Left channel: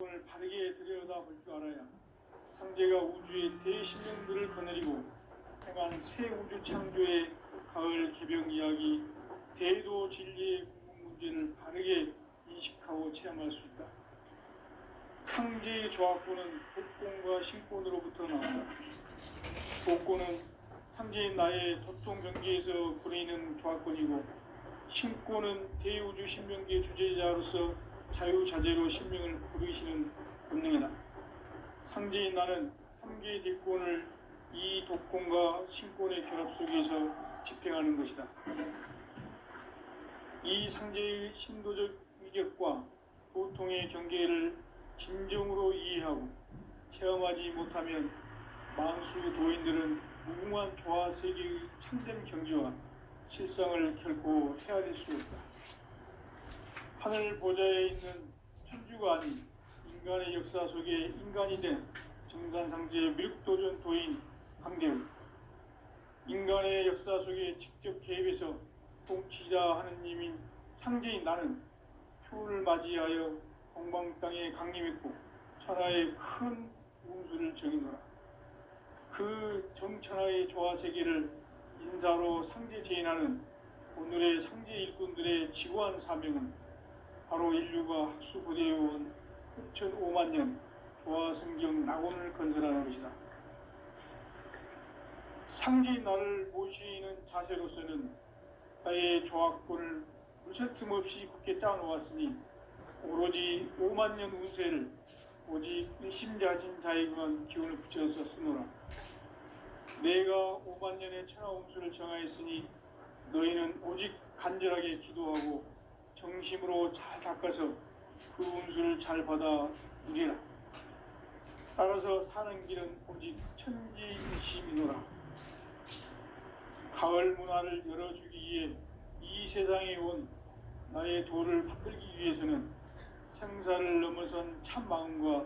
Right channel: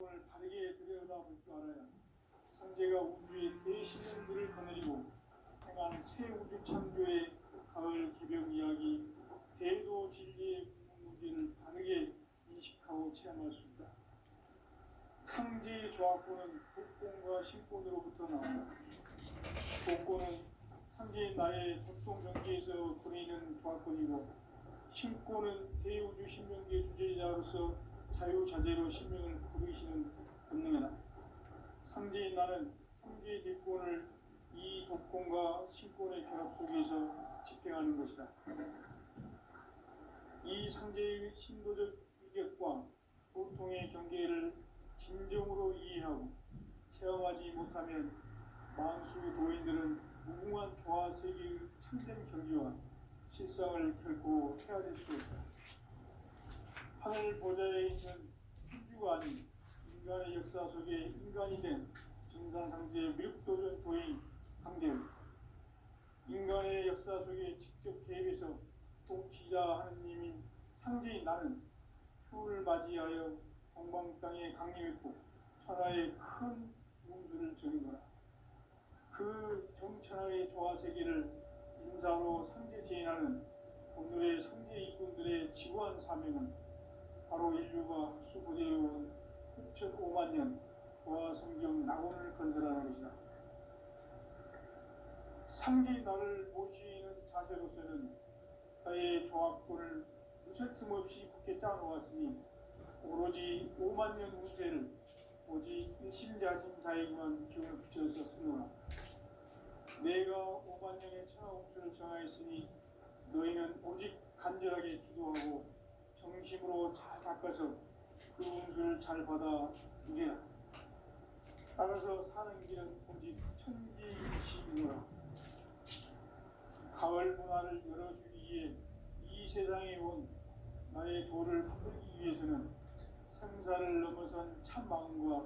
을 바르게 들여다볼 줄 알아야 상제가 우주의 대신령들을 거느리고 행한 새 우주 창조의 가을 개벽 이야기, 대도 진리의 궁극 문제를 바르게 인식하고 체험할 수 있다. 상제의 조합구는 복권과 신권으로부터 나온다. 복권은 상제인 나의 도통 경계에서 부리는 조합권이고, 신권은 대우주 신명기의 주제자로서 자유자재로 신명을 부르시는 본능이다. 상제인 나는 3개의 뒷권을 이 독권과 신권의 결합 속에서 집행하는 것이다. 이 상제의 신도적 위격과 보통의 경계를 진정으로 이해하고 체험하지 못하면 만수 도인들은 무궁한 조화 세계의 참된 경지와 실상을 결코 헤아릴 수 없다. 하늘 보좌에 있는 천주가 아닌 인간의 역사 속에 인간이 된 정산상제의 미륵도전 도인 강대우, 인간의 역사 속에 직접 개입해서 통치자 하느님인 상제인 나는 휴를 맞이하여 동방 땅에 강림했고 천하의 큰 운수를 정의노라. 그 정천하의 조화세계를 인사로 상제 제인하는 오늘의 상제 일꾼들의 지고한 사명은 바로 인류가 학수고대해온 흑천 5만 년 조화성경 낙원을 건설하는 것이다. 상제인 나를 모시는 자세로서는 나의 조합권을 물새틈 없이 굳게 짜놓았으니 오로지 5만 년 운세를 오직 일심자진 자에게만 기운을 붙여서 쓰노라. 내가 5만 년의 천하 운수를 정하였으니 너희는 오직 간절하게 기도하고 정심으로 잘 닦아서 그 운수를 잘 받아 누리라. 따라서 사는 길은 오직 천지일심이노라. 가을 문화를 열어주기 위해 이 세상에 온 나의 도를 받들기 위해서는 생사를 넘어선 참 마음과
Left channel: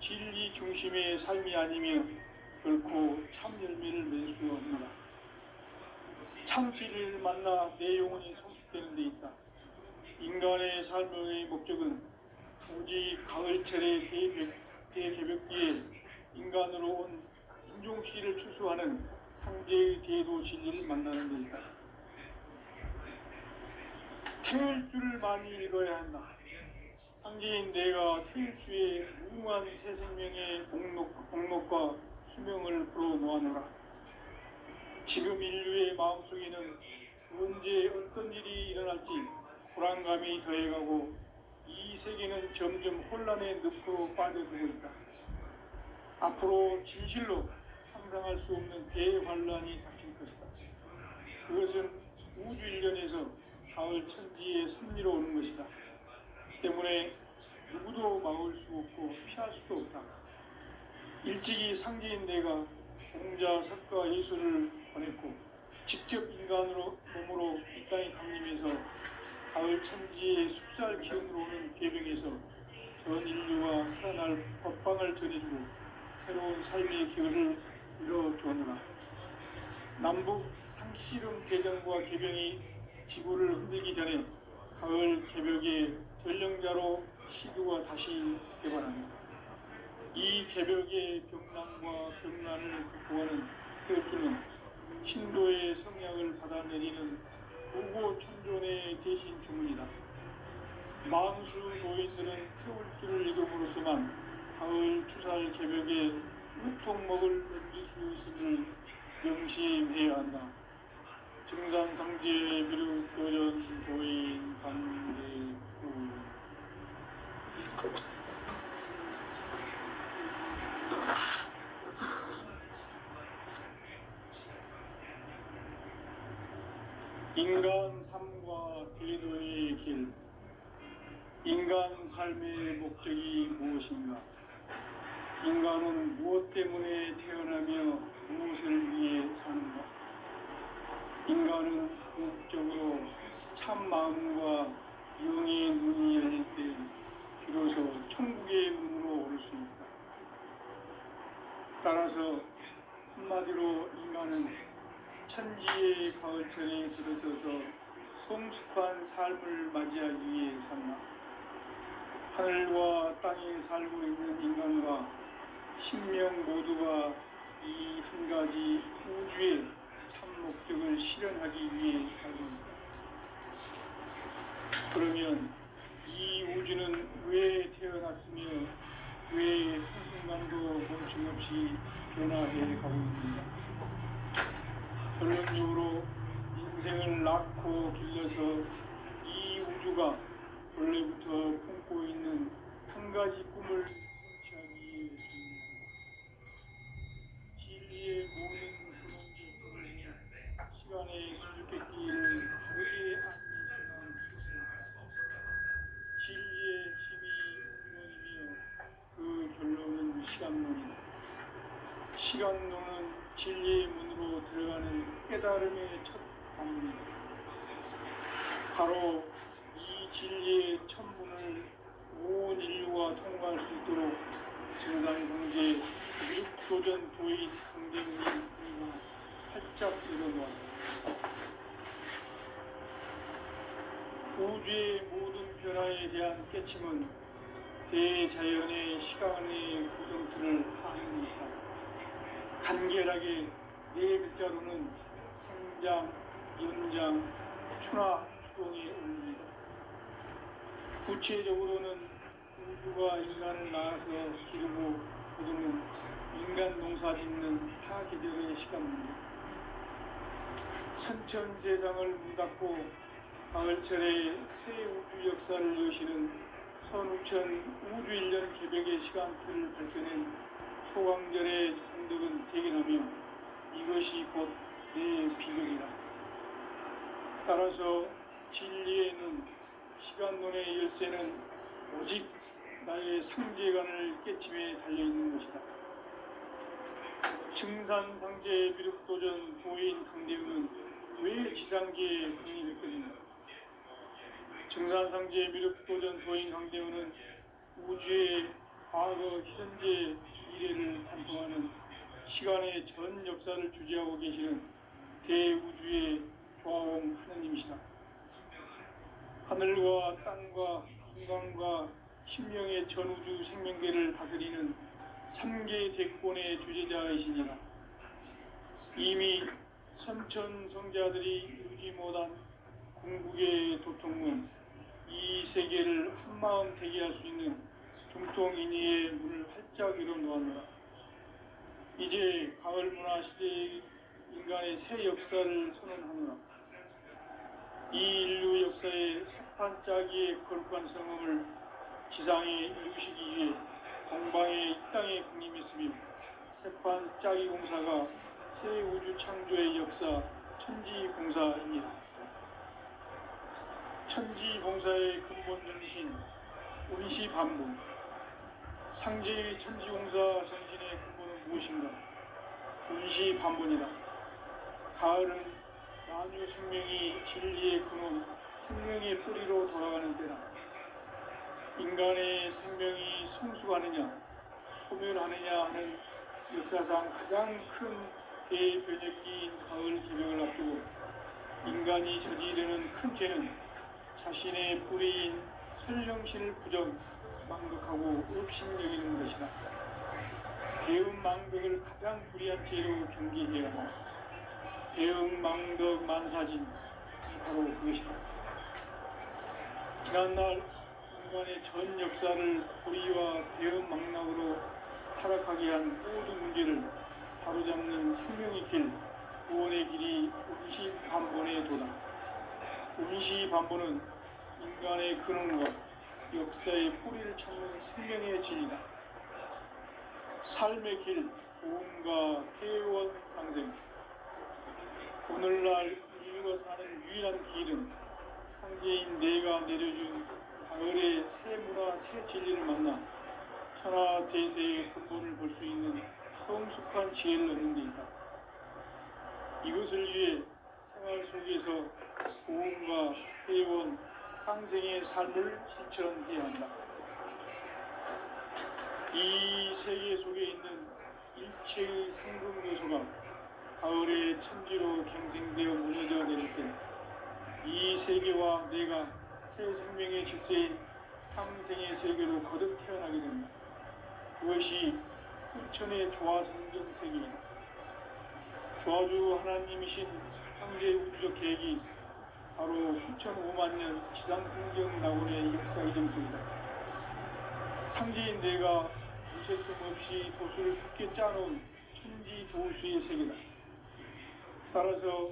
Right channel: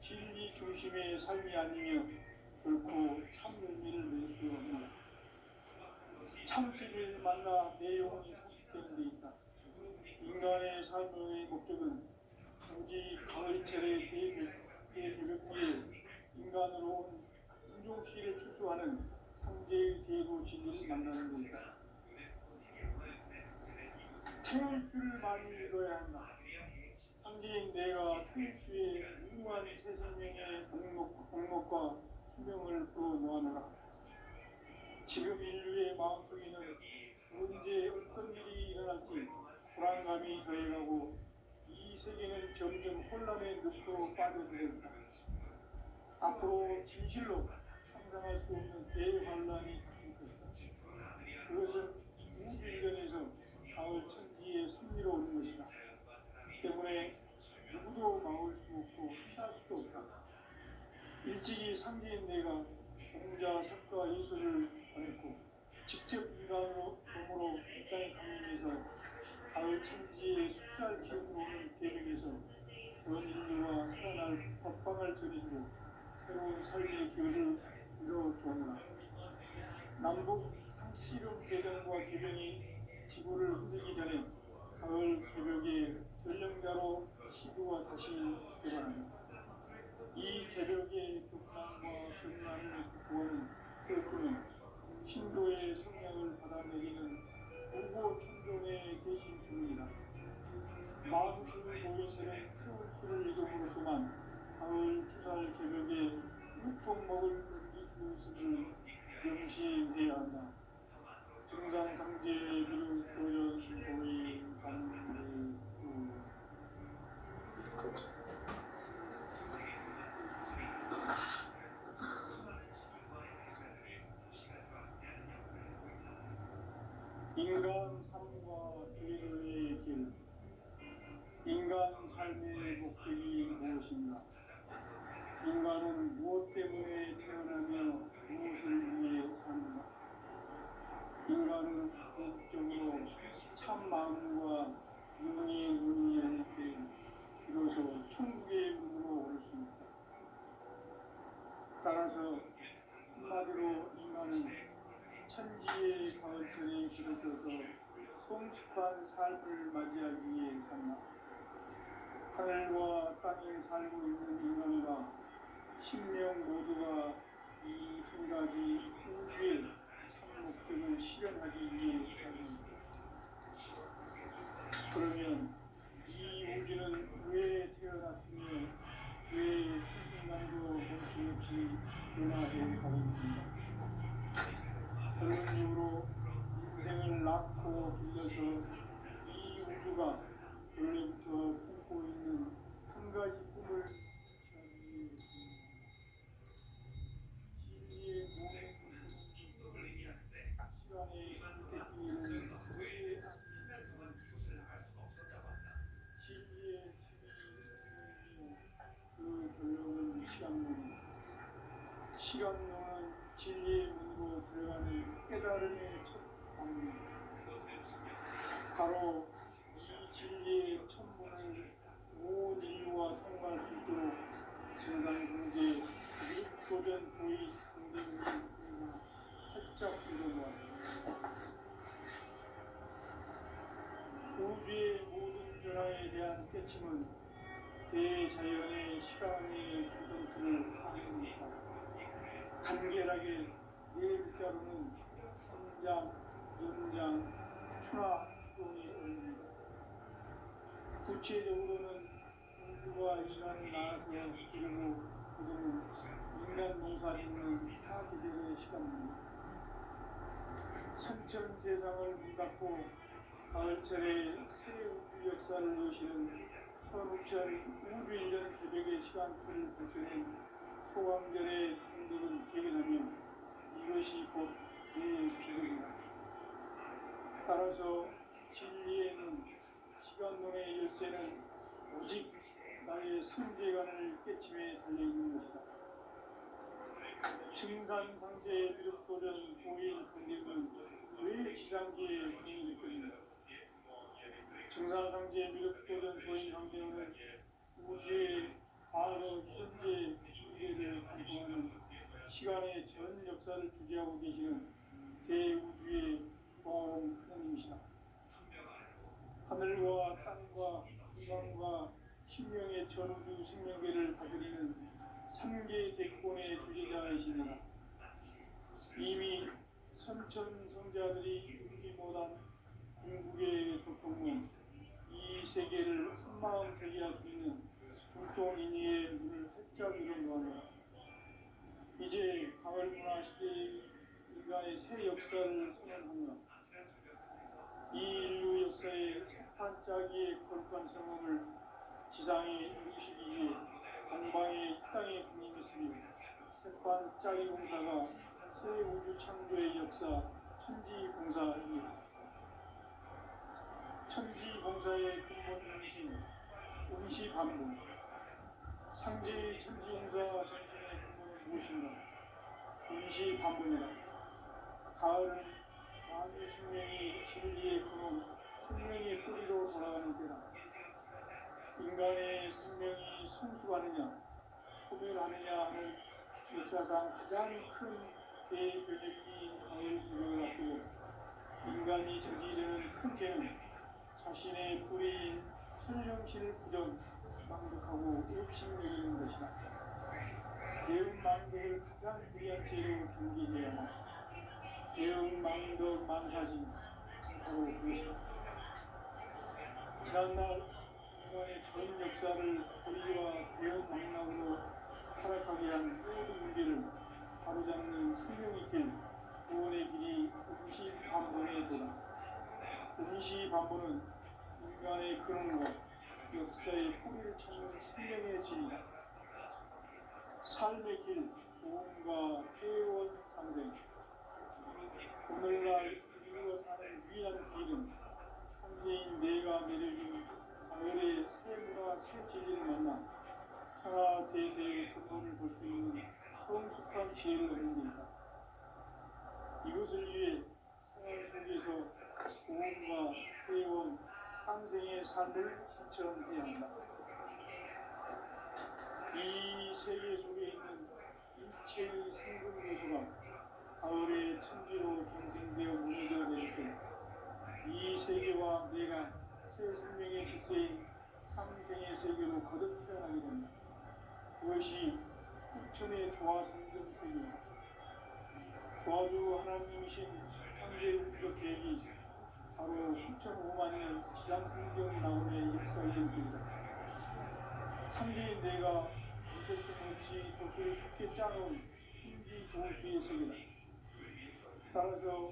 진리 중심의 삶이 아니면 결코 참 열매를 맺을 수 없노라. 참 진리를 만나 내 영혼이 성숙되는 데 있다. 인간의 삶의 목적은 오직 가을철의 대개벽기에 인간으로 온 인종시를 추수하는 상제의 대도 진리를 만나는 데 있다. 태일 줄을 많이 읽어야 한다. 상제인 내가 태일수의 무궁한 새 생명의 공록과 수명을 불어놓아노라. 지금 인류의 마음속에는 언제 어떤 일이 일어날지 불안감이 더해가고 이 세계는 점점 혼란의 늪으로 빠져들고 있다. 앞으로 진실로 상상할 수 없는 대환란이 닥칠 것이다. 그것은 우주 일련에서 가을 천지의 섭리로 오는 것이다. 때문에 누구도 막을 수 없고 피할 수도 없다. 일찍이 상제인 내가 공자, 석가, 예수를 보냈고 직접 인간으로 몸으로 이 땅에 강림해서 가을 천지의 숫살 기운으로 오는 계명에서 전 인류가 살아날 법방을 전해주고 새로운 삶의 기회를 이뤄주노라. 남북 상씨름 대전과 개병이 지구를 흔들기 전에 가을 개벽의 전령자로 시두가 다시 개발한다. 이 개벽의 병난과 병난을 극복하는 태엽주는 신도의 성약을 받아내리는 무고 천존의 대신 주문이다. 만수 노인들은 태울주를 읽음으로써만 가을 추살 개벽에 우통목을 넘길 수 있음을 명심해야 한다. 정산상제의 미륵도전 도인 반대구 인간 삶과 대도의 길. 인간 삶의 목적이 무엇인가? 인간은 무엇 때문에 태어나며 무엇을 위해 사는가? 인간은 궁극적으로 참 마음과 영의 눈이 열릴 때 비로소 천국의 문으로 올 수 있다. 따라서 한마디로 인간은 천지의 가을철에 들어서서 성숙한 삶을 맞이하기 위해 산다. 하늘과 땅에 살고 있는 인간과 sinh명 모두가 이 한 가지 우주의 참 목적을 실현하기 위해 살입니다. 그러면 이 우주는 왜 태어났으며 왜 한순간도 멈춤없이 변화해 가고 있는가? 결론적으로 인생을 낳고 길러서 이 우주가 원래부터 품고 있는 한 가지 꿈을 성취하기 위해 진리의 모든 근원이 시간의 수수께끼를 다르게 안는 진리의 힘이 근원이며 그 결론은 시간론이다. 시간론은 진리의 문으로 들어가는 깨달음의 첫 방문이다. 바로 이 진리의 첫 문을 온 인류가 통과할 수 있도록 증산성제 육도전 도의 강대문이 활짝 열어놓았다. 우주의 모든 변화에 대한 깨침은 대자연의 시간의 구정틀을 아는 듯하다. 간결하게 네 글자로는 성장, 연장, 추나, 추동의 원리이다. 구체적으로는 우주가 인간을 낳아서 기르고 거두는 인간 농사 짓는 사계절의 시간입니다. 선천세상을 문닫고 가을철에 새 우주 역사를 여시는 선우천 우주일년 개벽의 시간틀을 밝혀낸 소강절의 공덕은 대견하며 이것이 곧 내 비극이다. 따라서 진리의 눈, 시간론의 열쇠는 오직 나의 상제관을 깨침에 달려있는 것이다. 증산상제 비륵도전 도인 강대우는 왜 지상계에 근이 됐겠는가? 증산상제 미륵도전 도인 강대우는 우주의 과거, 현재, 미래를 관통하는 시간의 전 역사를 주재하고 계시는 대우주의 조화원 하느님이시다. 하늘과 땅과 인간과 신명의 전우주 생명계를 다스리는 3개 대권의 주재자이시니라. 이미 선천성자들이 이루지 못한 궁극의 도통문, 이 세계를 한마음 되게 할 수 있는 중통인의의 문을 활짝 열어놓았노라. 이제 가을 문화 시대의 인간의 새 역사를 선언하노라. 이 인류 역사의 석판짜기의 거룩한 성음을 지상에 이루시기 위해 동방의 이 땅에 군림했으며 석판짜기 공사가 새 우주 창조의 역사 천지공사입니다. 천지공사의 근본 정신, 운시반문. 상제의 천지공사 정신의 근본은 무엇인가? 운시반문이다. 가을은 만유 생명이 진리의 근원, 생명의 뿌리로 돌아가는 때다. 인간의 생명이 성숙하느냐, 소멸하느냐 하는 역사상 가장 큰 대변혁기인 가을 개벽을 앞두고 인간이 저지르는 큰 죄는 자신의 뿌리인 설령신을 부정, 망덕하고 업신여기는 것이다. 배은망덕을 가장 불의한 죄로 경계해야 한다. 배은망덕 만사진, 바로 그것이다. 지난날 인간의 전 역사를 불의와 배은망락으로 타락하게 한 모든 문제를 바로잡는 생명의 길, 구원의 길이 운시반본의 도다. 운시반본은 인간의 근원과 역사의 뿌리를 찾는 생명의 진이다. 삶의 길, 도움과 회원 상생. 오늘날 인류가 사는 유일한 길은 상제인 내가 내려준 가을의 새 문화, 새 진리를 만나 천하 대세의 근본을 볼 수 있는 성숙한 지혜를 얻는 데 있다. 이것을 위해 생활 속에서 도움과 회원, 상생의 삶을 실천해야 한다. 이 세계 속에 있는 일체의 상금 요소가 가을의 천지로 갱생되어 무너져 내릴 때 이 세계와 내가 새 생명의 질서인 상생의 세계로 거듭 태어나게 됩니다. 그것이 후천의 조화성경 세계입니다. 조화주 하나님이신 창제 우주적 계획이 바로 후천 5만 년 지상성경 낙원의 역사 이전입니다. 창제인 내가 무쇠뜸 없이 도수를 굳게 짜놓은 천지 도수의 세계다. 따라서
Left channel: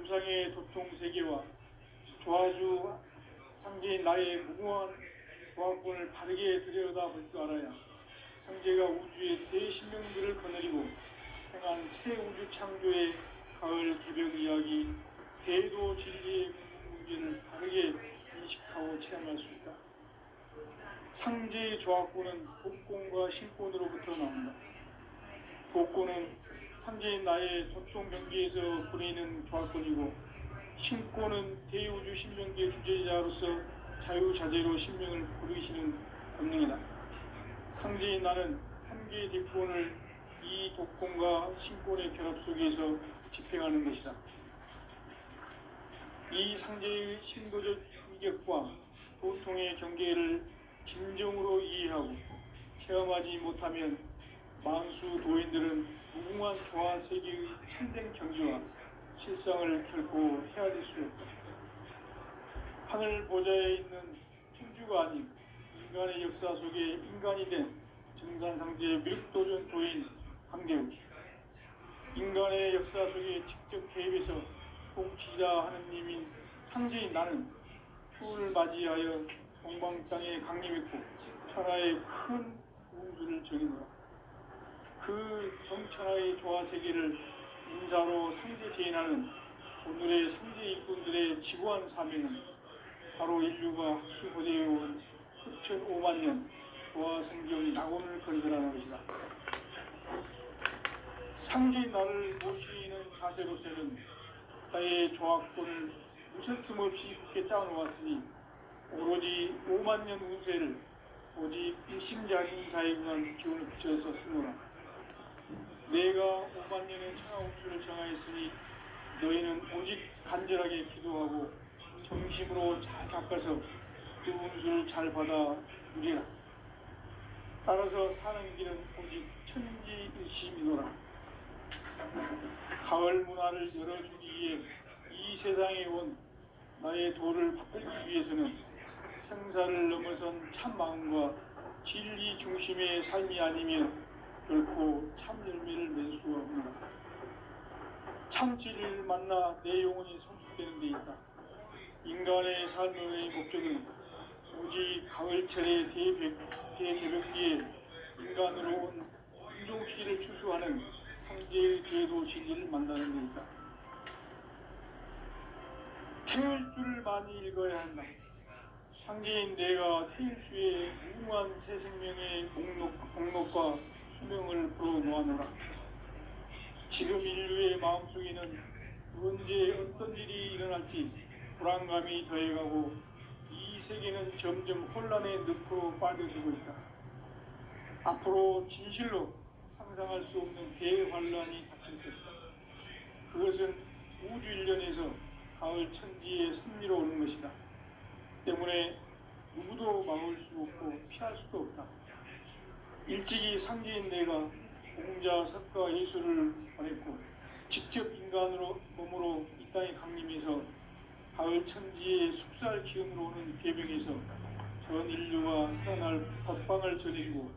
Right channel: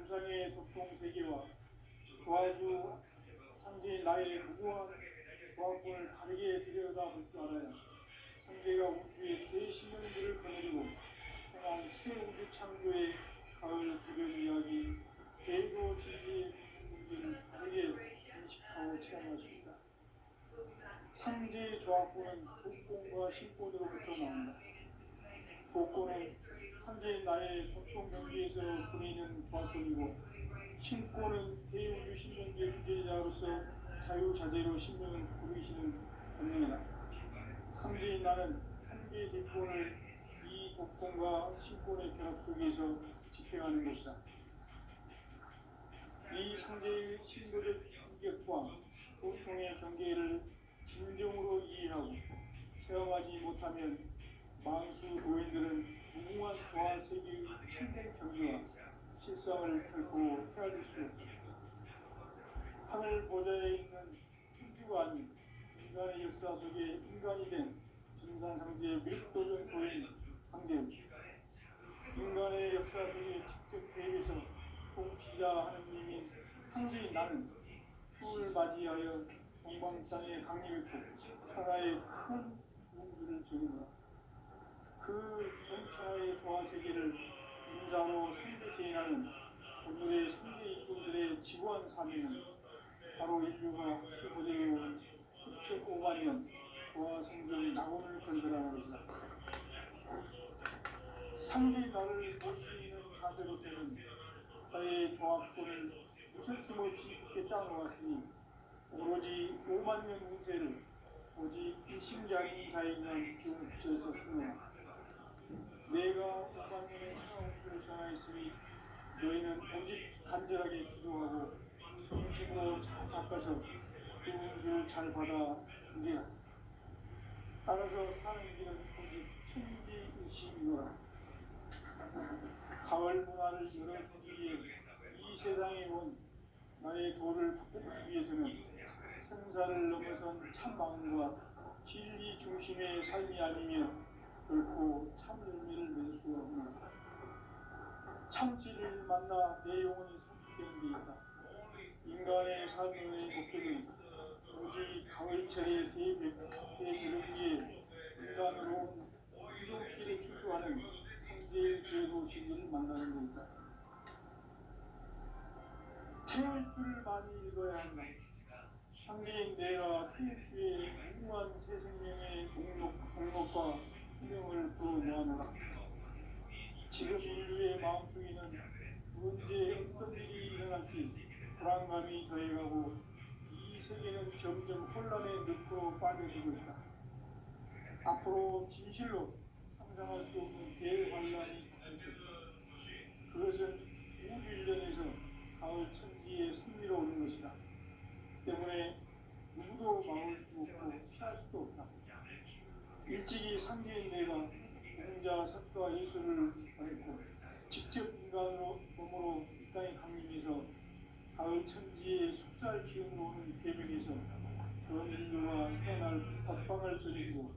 우상의 도통 세계와 조화주 창제인 나의 무궁한 조화권을 바르게 들여다볼 줄 알아야 창제가 우주의 대신명들을 거느리고 행한 새 우주 창조의 가을 개벽 이야기, 대도 진리의 문제를 바르게 인식하고 체험할 수 있다. 창제의 조화권은 복권과 신권으로부터 나온다. 복권은 창제인 나의 도통 경계에서 보내는 조화권이고, 신권은 대우주 신명계 주제자로서 자유자재로 신명을 부르시는 권능이다. 창제인 나는 한계의 뒷권을 이 독권과 신권의 결합 속에서 집행하는 것이다. 이 상제의 신도적 위격과 보통의 경계를 진정으로 이해하고 체험하지 못하면 만수 도인들은 무궁한 조화 세계의 참된 경지와 실상을 결코 헤아릴 수 없다. 하늘 보좌에 있는 천주가 아닌 인간의 역사 속에 인간이 된 정산상제의 밀도전 도인 강대우, 인간의 역사 속에 직접 개입해서 통치자 하느님인 창제인 나는 휴를 맞이하여 동방 땅에 강림했고 천하의 큰 우주를 정의노라. 그 정천하의 조화 세계를 인사로 삼재 제인하는 오늘의 삼재 일꾼들의 지구한 사명은 바로 인류가 학수고대해온 후천 5만 년 조화 성경 낙원을 건설하는 것이다. 상제인 나를 모시는 자세로서는 나의 조화권을 무슨 틈 없이 굳게 짜놓았으니 오로지 5만 년 운세를 오직 일심자인 자에게만 기운을 붙여서 쓰노라. 내가 5만 년의 천하 운수를 정하였으니 너희는 오직 간절하게 기도하고 정심으로 잘 닦아서 그 운수를 잘 받아 누리라. 따라서 사는 길은 오직 천지일심이노라. 가을 문화를 열어주기 위해 이 세상에 온 나의 도를 받들기 위해서는 생사를 넘어선 참 마음과 진리 중심의 삶이 아니면 결코 참 열매를 맺을 수가 없노라. 참지를 만나 내 영혼이 성숙되는 데 있다. 인간의 삶의 목적은 오직 가을철의 대개벽기에 인간으로 온 인종씨를 추수하는 상제의 제도 진리를 만나는 데 있다. 태울 줄을 많이 읽어야 한다. 상제인 내가 태일주의 무궁한 새 생명의 목록과 수명을 불어놓아노라. 지금 인류의 마음속에는 언제 어떤 일이 일어날지 불안감이 더해가고 이 세계는 점점 혼란의 늪으로 빠져들고 있다. 앞으로 진실로 상상할 수 없는 대환란이 닥칠 것이다. 그것은 우주 일련에서 가을 천지의 승리로 오는 것이다. 때문에 누구도 막을 수 없고 피할 수도 없다. 일찍이 상제인 내가 공자, 석가, 예수를 보냈고 직접 인간으로 몸으로 이 땅에 강림해서 가을 천지의 숙살 기운으로 오는 계명에서 전 인류가 살아날 법방을 전해주고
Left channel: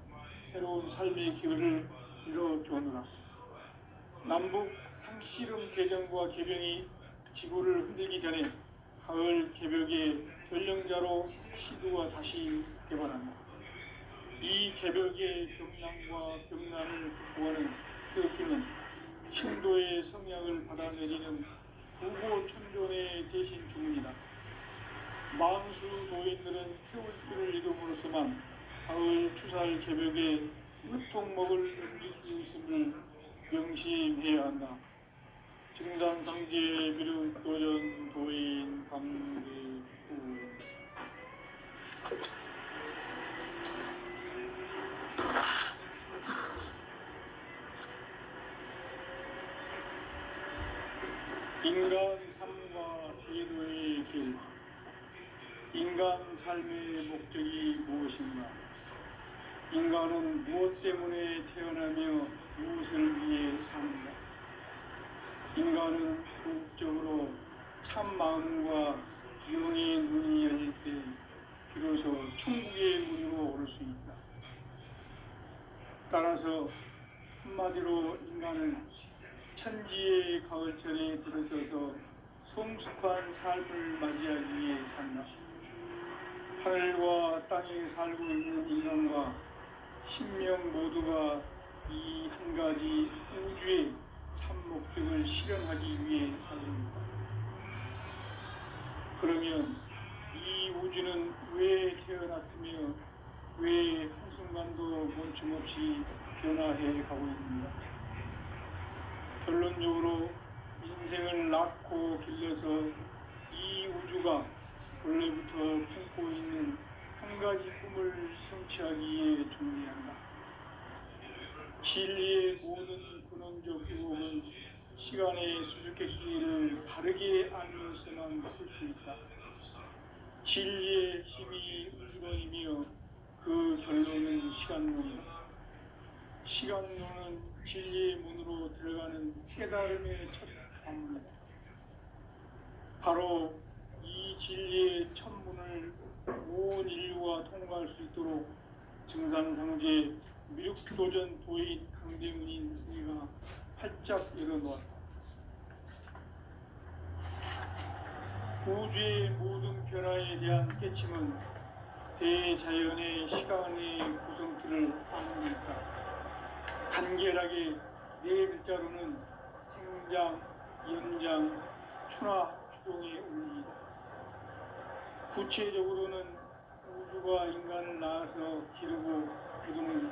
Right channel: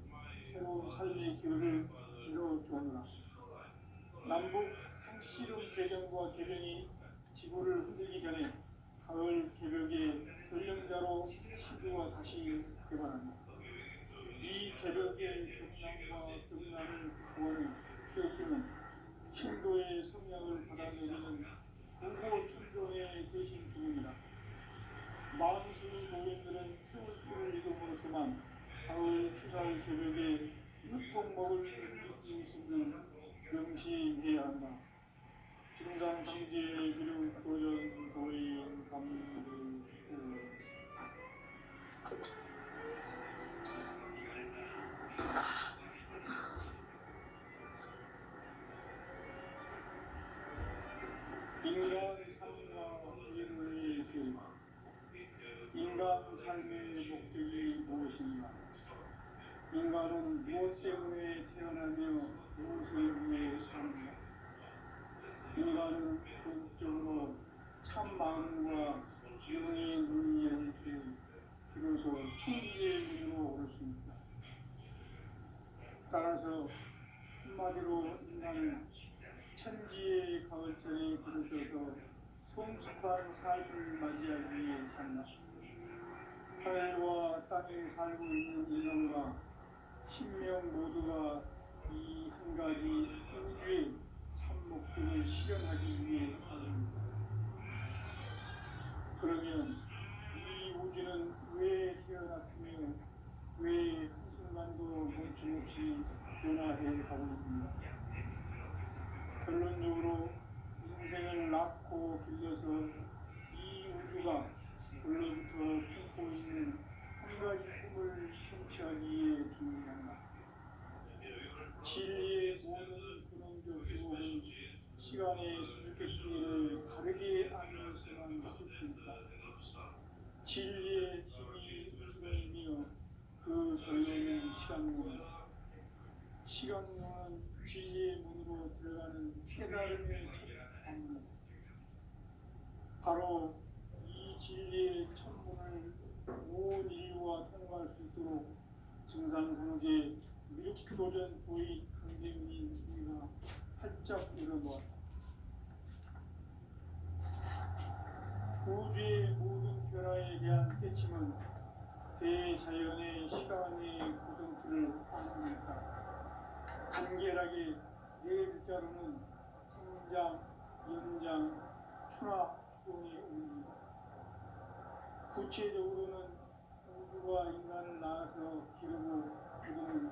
새로운 삶의 기회를 이뤄주었노라. 남북 상씨름 개정과 개병이 지구를 흔들기 전에 가을 개벽의 전령자로 시도가 다시 개발한다. 이 개벽의 경랑과 병난을 극복하는 태극기는 신도의 성약을 받아내리는 부고 천존의 대신 주문이다. 만수 노인들은 태울 줄을 읽음으로써만 가을 추살 개벽의 으통목을 넘길 수 있음을 명심해야 한다. 증산상제 비륵 도전 도인 감대후 인간 삶과 제도의 길. 인간 삶의 목적이 것인가? 인간은 무엇 때문에 태어나며 무엇을 위해 사는가? 인간은 궁극적으로 참 마음과 영의 문이 열릴 때 비로소 천국의 문으로 오를 수 있다. 따라서 한마디로 인간은 천지의 가을철에 들어서서 성숙한 삶을 맞이하기 위해 산다. 하늘과 땅에 살고 있는 인간과 신명 모두가 이 한 가지 우주의 참 목적을 실현하기 위해 살립니다. 그러면 이 우주는 왜 태어났으며 왜 한순간도 멈춤없이 변화해 가고 있는가? 결론적으로 인생을 낳고 길러서 이 우주가 원래부터 품고 있는 한 가지 꿈을 성취하기 위해 존재한다. 진리의 모든 근원적 유혹은 시간의 수수께끼를 바르게 알면서만 풀 수 있다. 진리의 힘이 우주론이며 그 결론은 시간론이다. 시간론은 진리의 문으로 들어가는 깨달음의 첫 관문이다. 바로 이 진리의 첫 문을 온 인류가 통과할 수 있도록 증산상제 미륵도전 도인 강대문인 우리가 활짝 열어놓았다. 우주의 모든 변화에 대한 깨침은 대자연의 시간의 구성틀을 안는다. 간결하게 네 글자로는 생장, 연장, 추나 추동의 원리이다. 구체적으로는 우주가 인간을 낳아서 기르고 기르는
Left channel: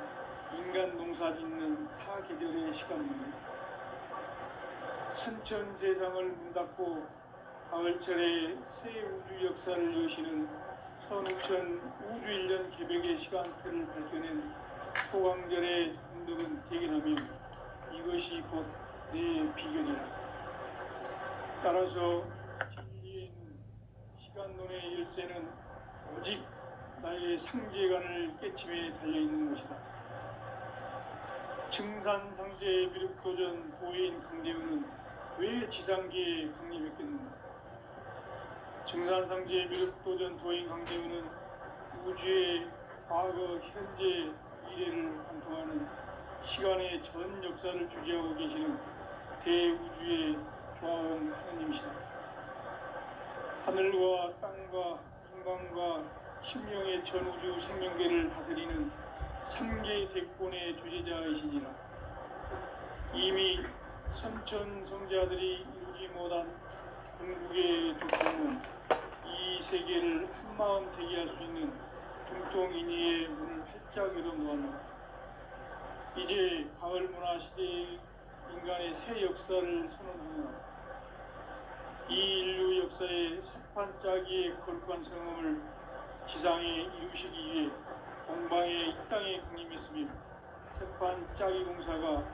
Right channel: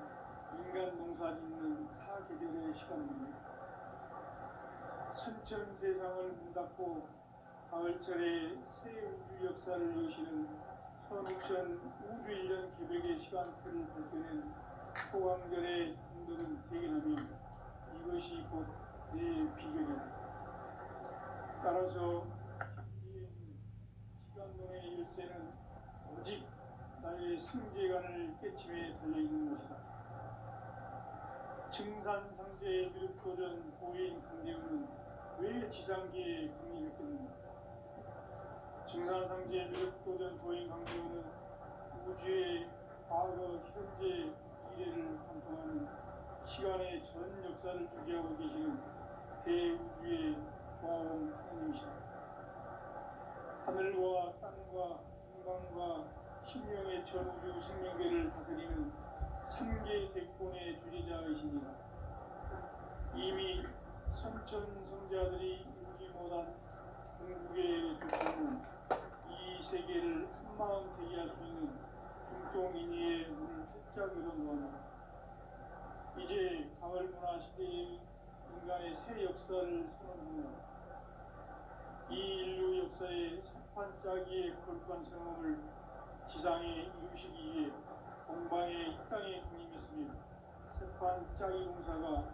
인간 농사 짓는 사계절의 시간입니다. 선천 세상을 문 닫고 가을철에 새 우주 역사를 여시는 선우천 우주일년 개벽의 시간틀을 밝혀낸 소강절의 운동은 대견하며 이것이 곧 내 비견이다. 따라서 진리에는 시간론의 열쇠는 오직 나의 상제관을 깨침에 달려있는 것이다. 증산상제 미륵도전 도인 강대우는 왜 지상계에 강림했겠는가? 증산상제 미륵도전 도인 강대우는 우주의 과거, 현재, 미래를 관통하는 시간의 전 역사를 주재하고 계시는 대우주의 조화원 하나님이시다. 하늘과 땅과 인간과 신명의 전우주 생명계를 다스리는 3개 대권의 주제자이시니라. 이미 선천성자들이 이루지 못한 궁극의 두통은 이 세계를 한마음 되게 할 수 있는 중통인의의 문을 활짝 열어놓았다. 이제 가을 문화 시대의 인간의 새 역사를 선언하노라. 이 인류 역사의 석판짜기의 거룩한 성험을 지상에 이루시기 위해 동방의 이 땅에 강림했으며 석판짜기 공사가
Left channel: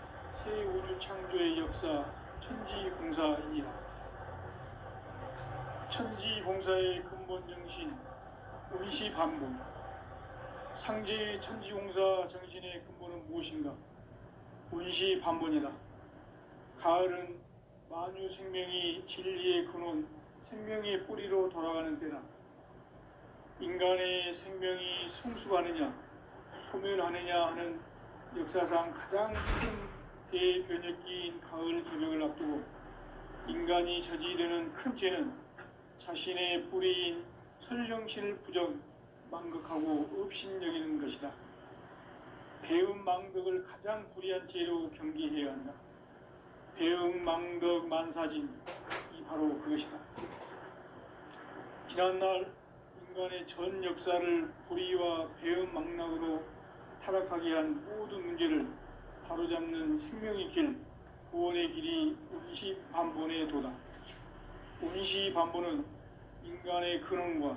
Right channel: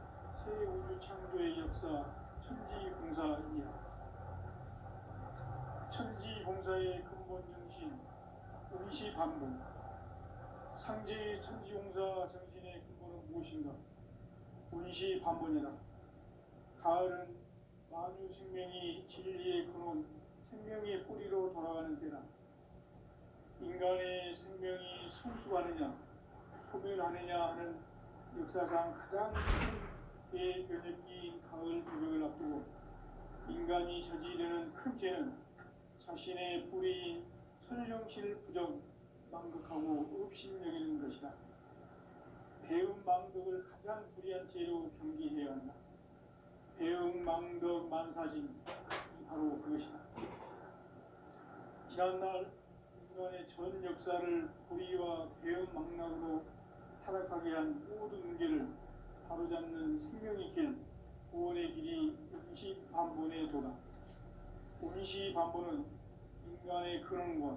새 우주 창조의 역사 천지공사이니라. 천지공사의 근본 정신 운시반본. 상제의 천지공사 정신의 근본은 무엇인가? 운시반본이다. 가을은 만유 생명이 진리의 근원, 생명의 뿌리로 돌아가는 때다. 인간의 생명이 성숙하느냐, 소멸하느냐 하는 역사상 가장 큰 대변혁기인 가을 개벽을 앞두고 인간이 저지르는 큰 죄는 자신의 뿌리인 설령신을 부정, 망극하고 업신여기는 것이다. 배움 망덕을 가장 불의한 죄로 경계해야 한다. 배움 망덕 만사진이 바로 그것이다. 지난날 인간의 전 역사를 불의와 배움 망락으로 타락하게 한 모든 문제를 바로잡는 생명의 길, 구원의 길이 운시반본의 도다. 운시반본은 인간의 근원과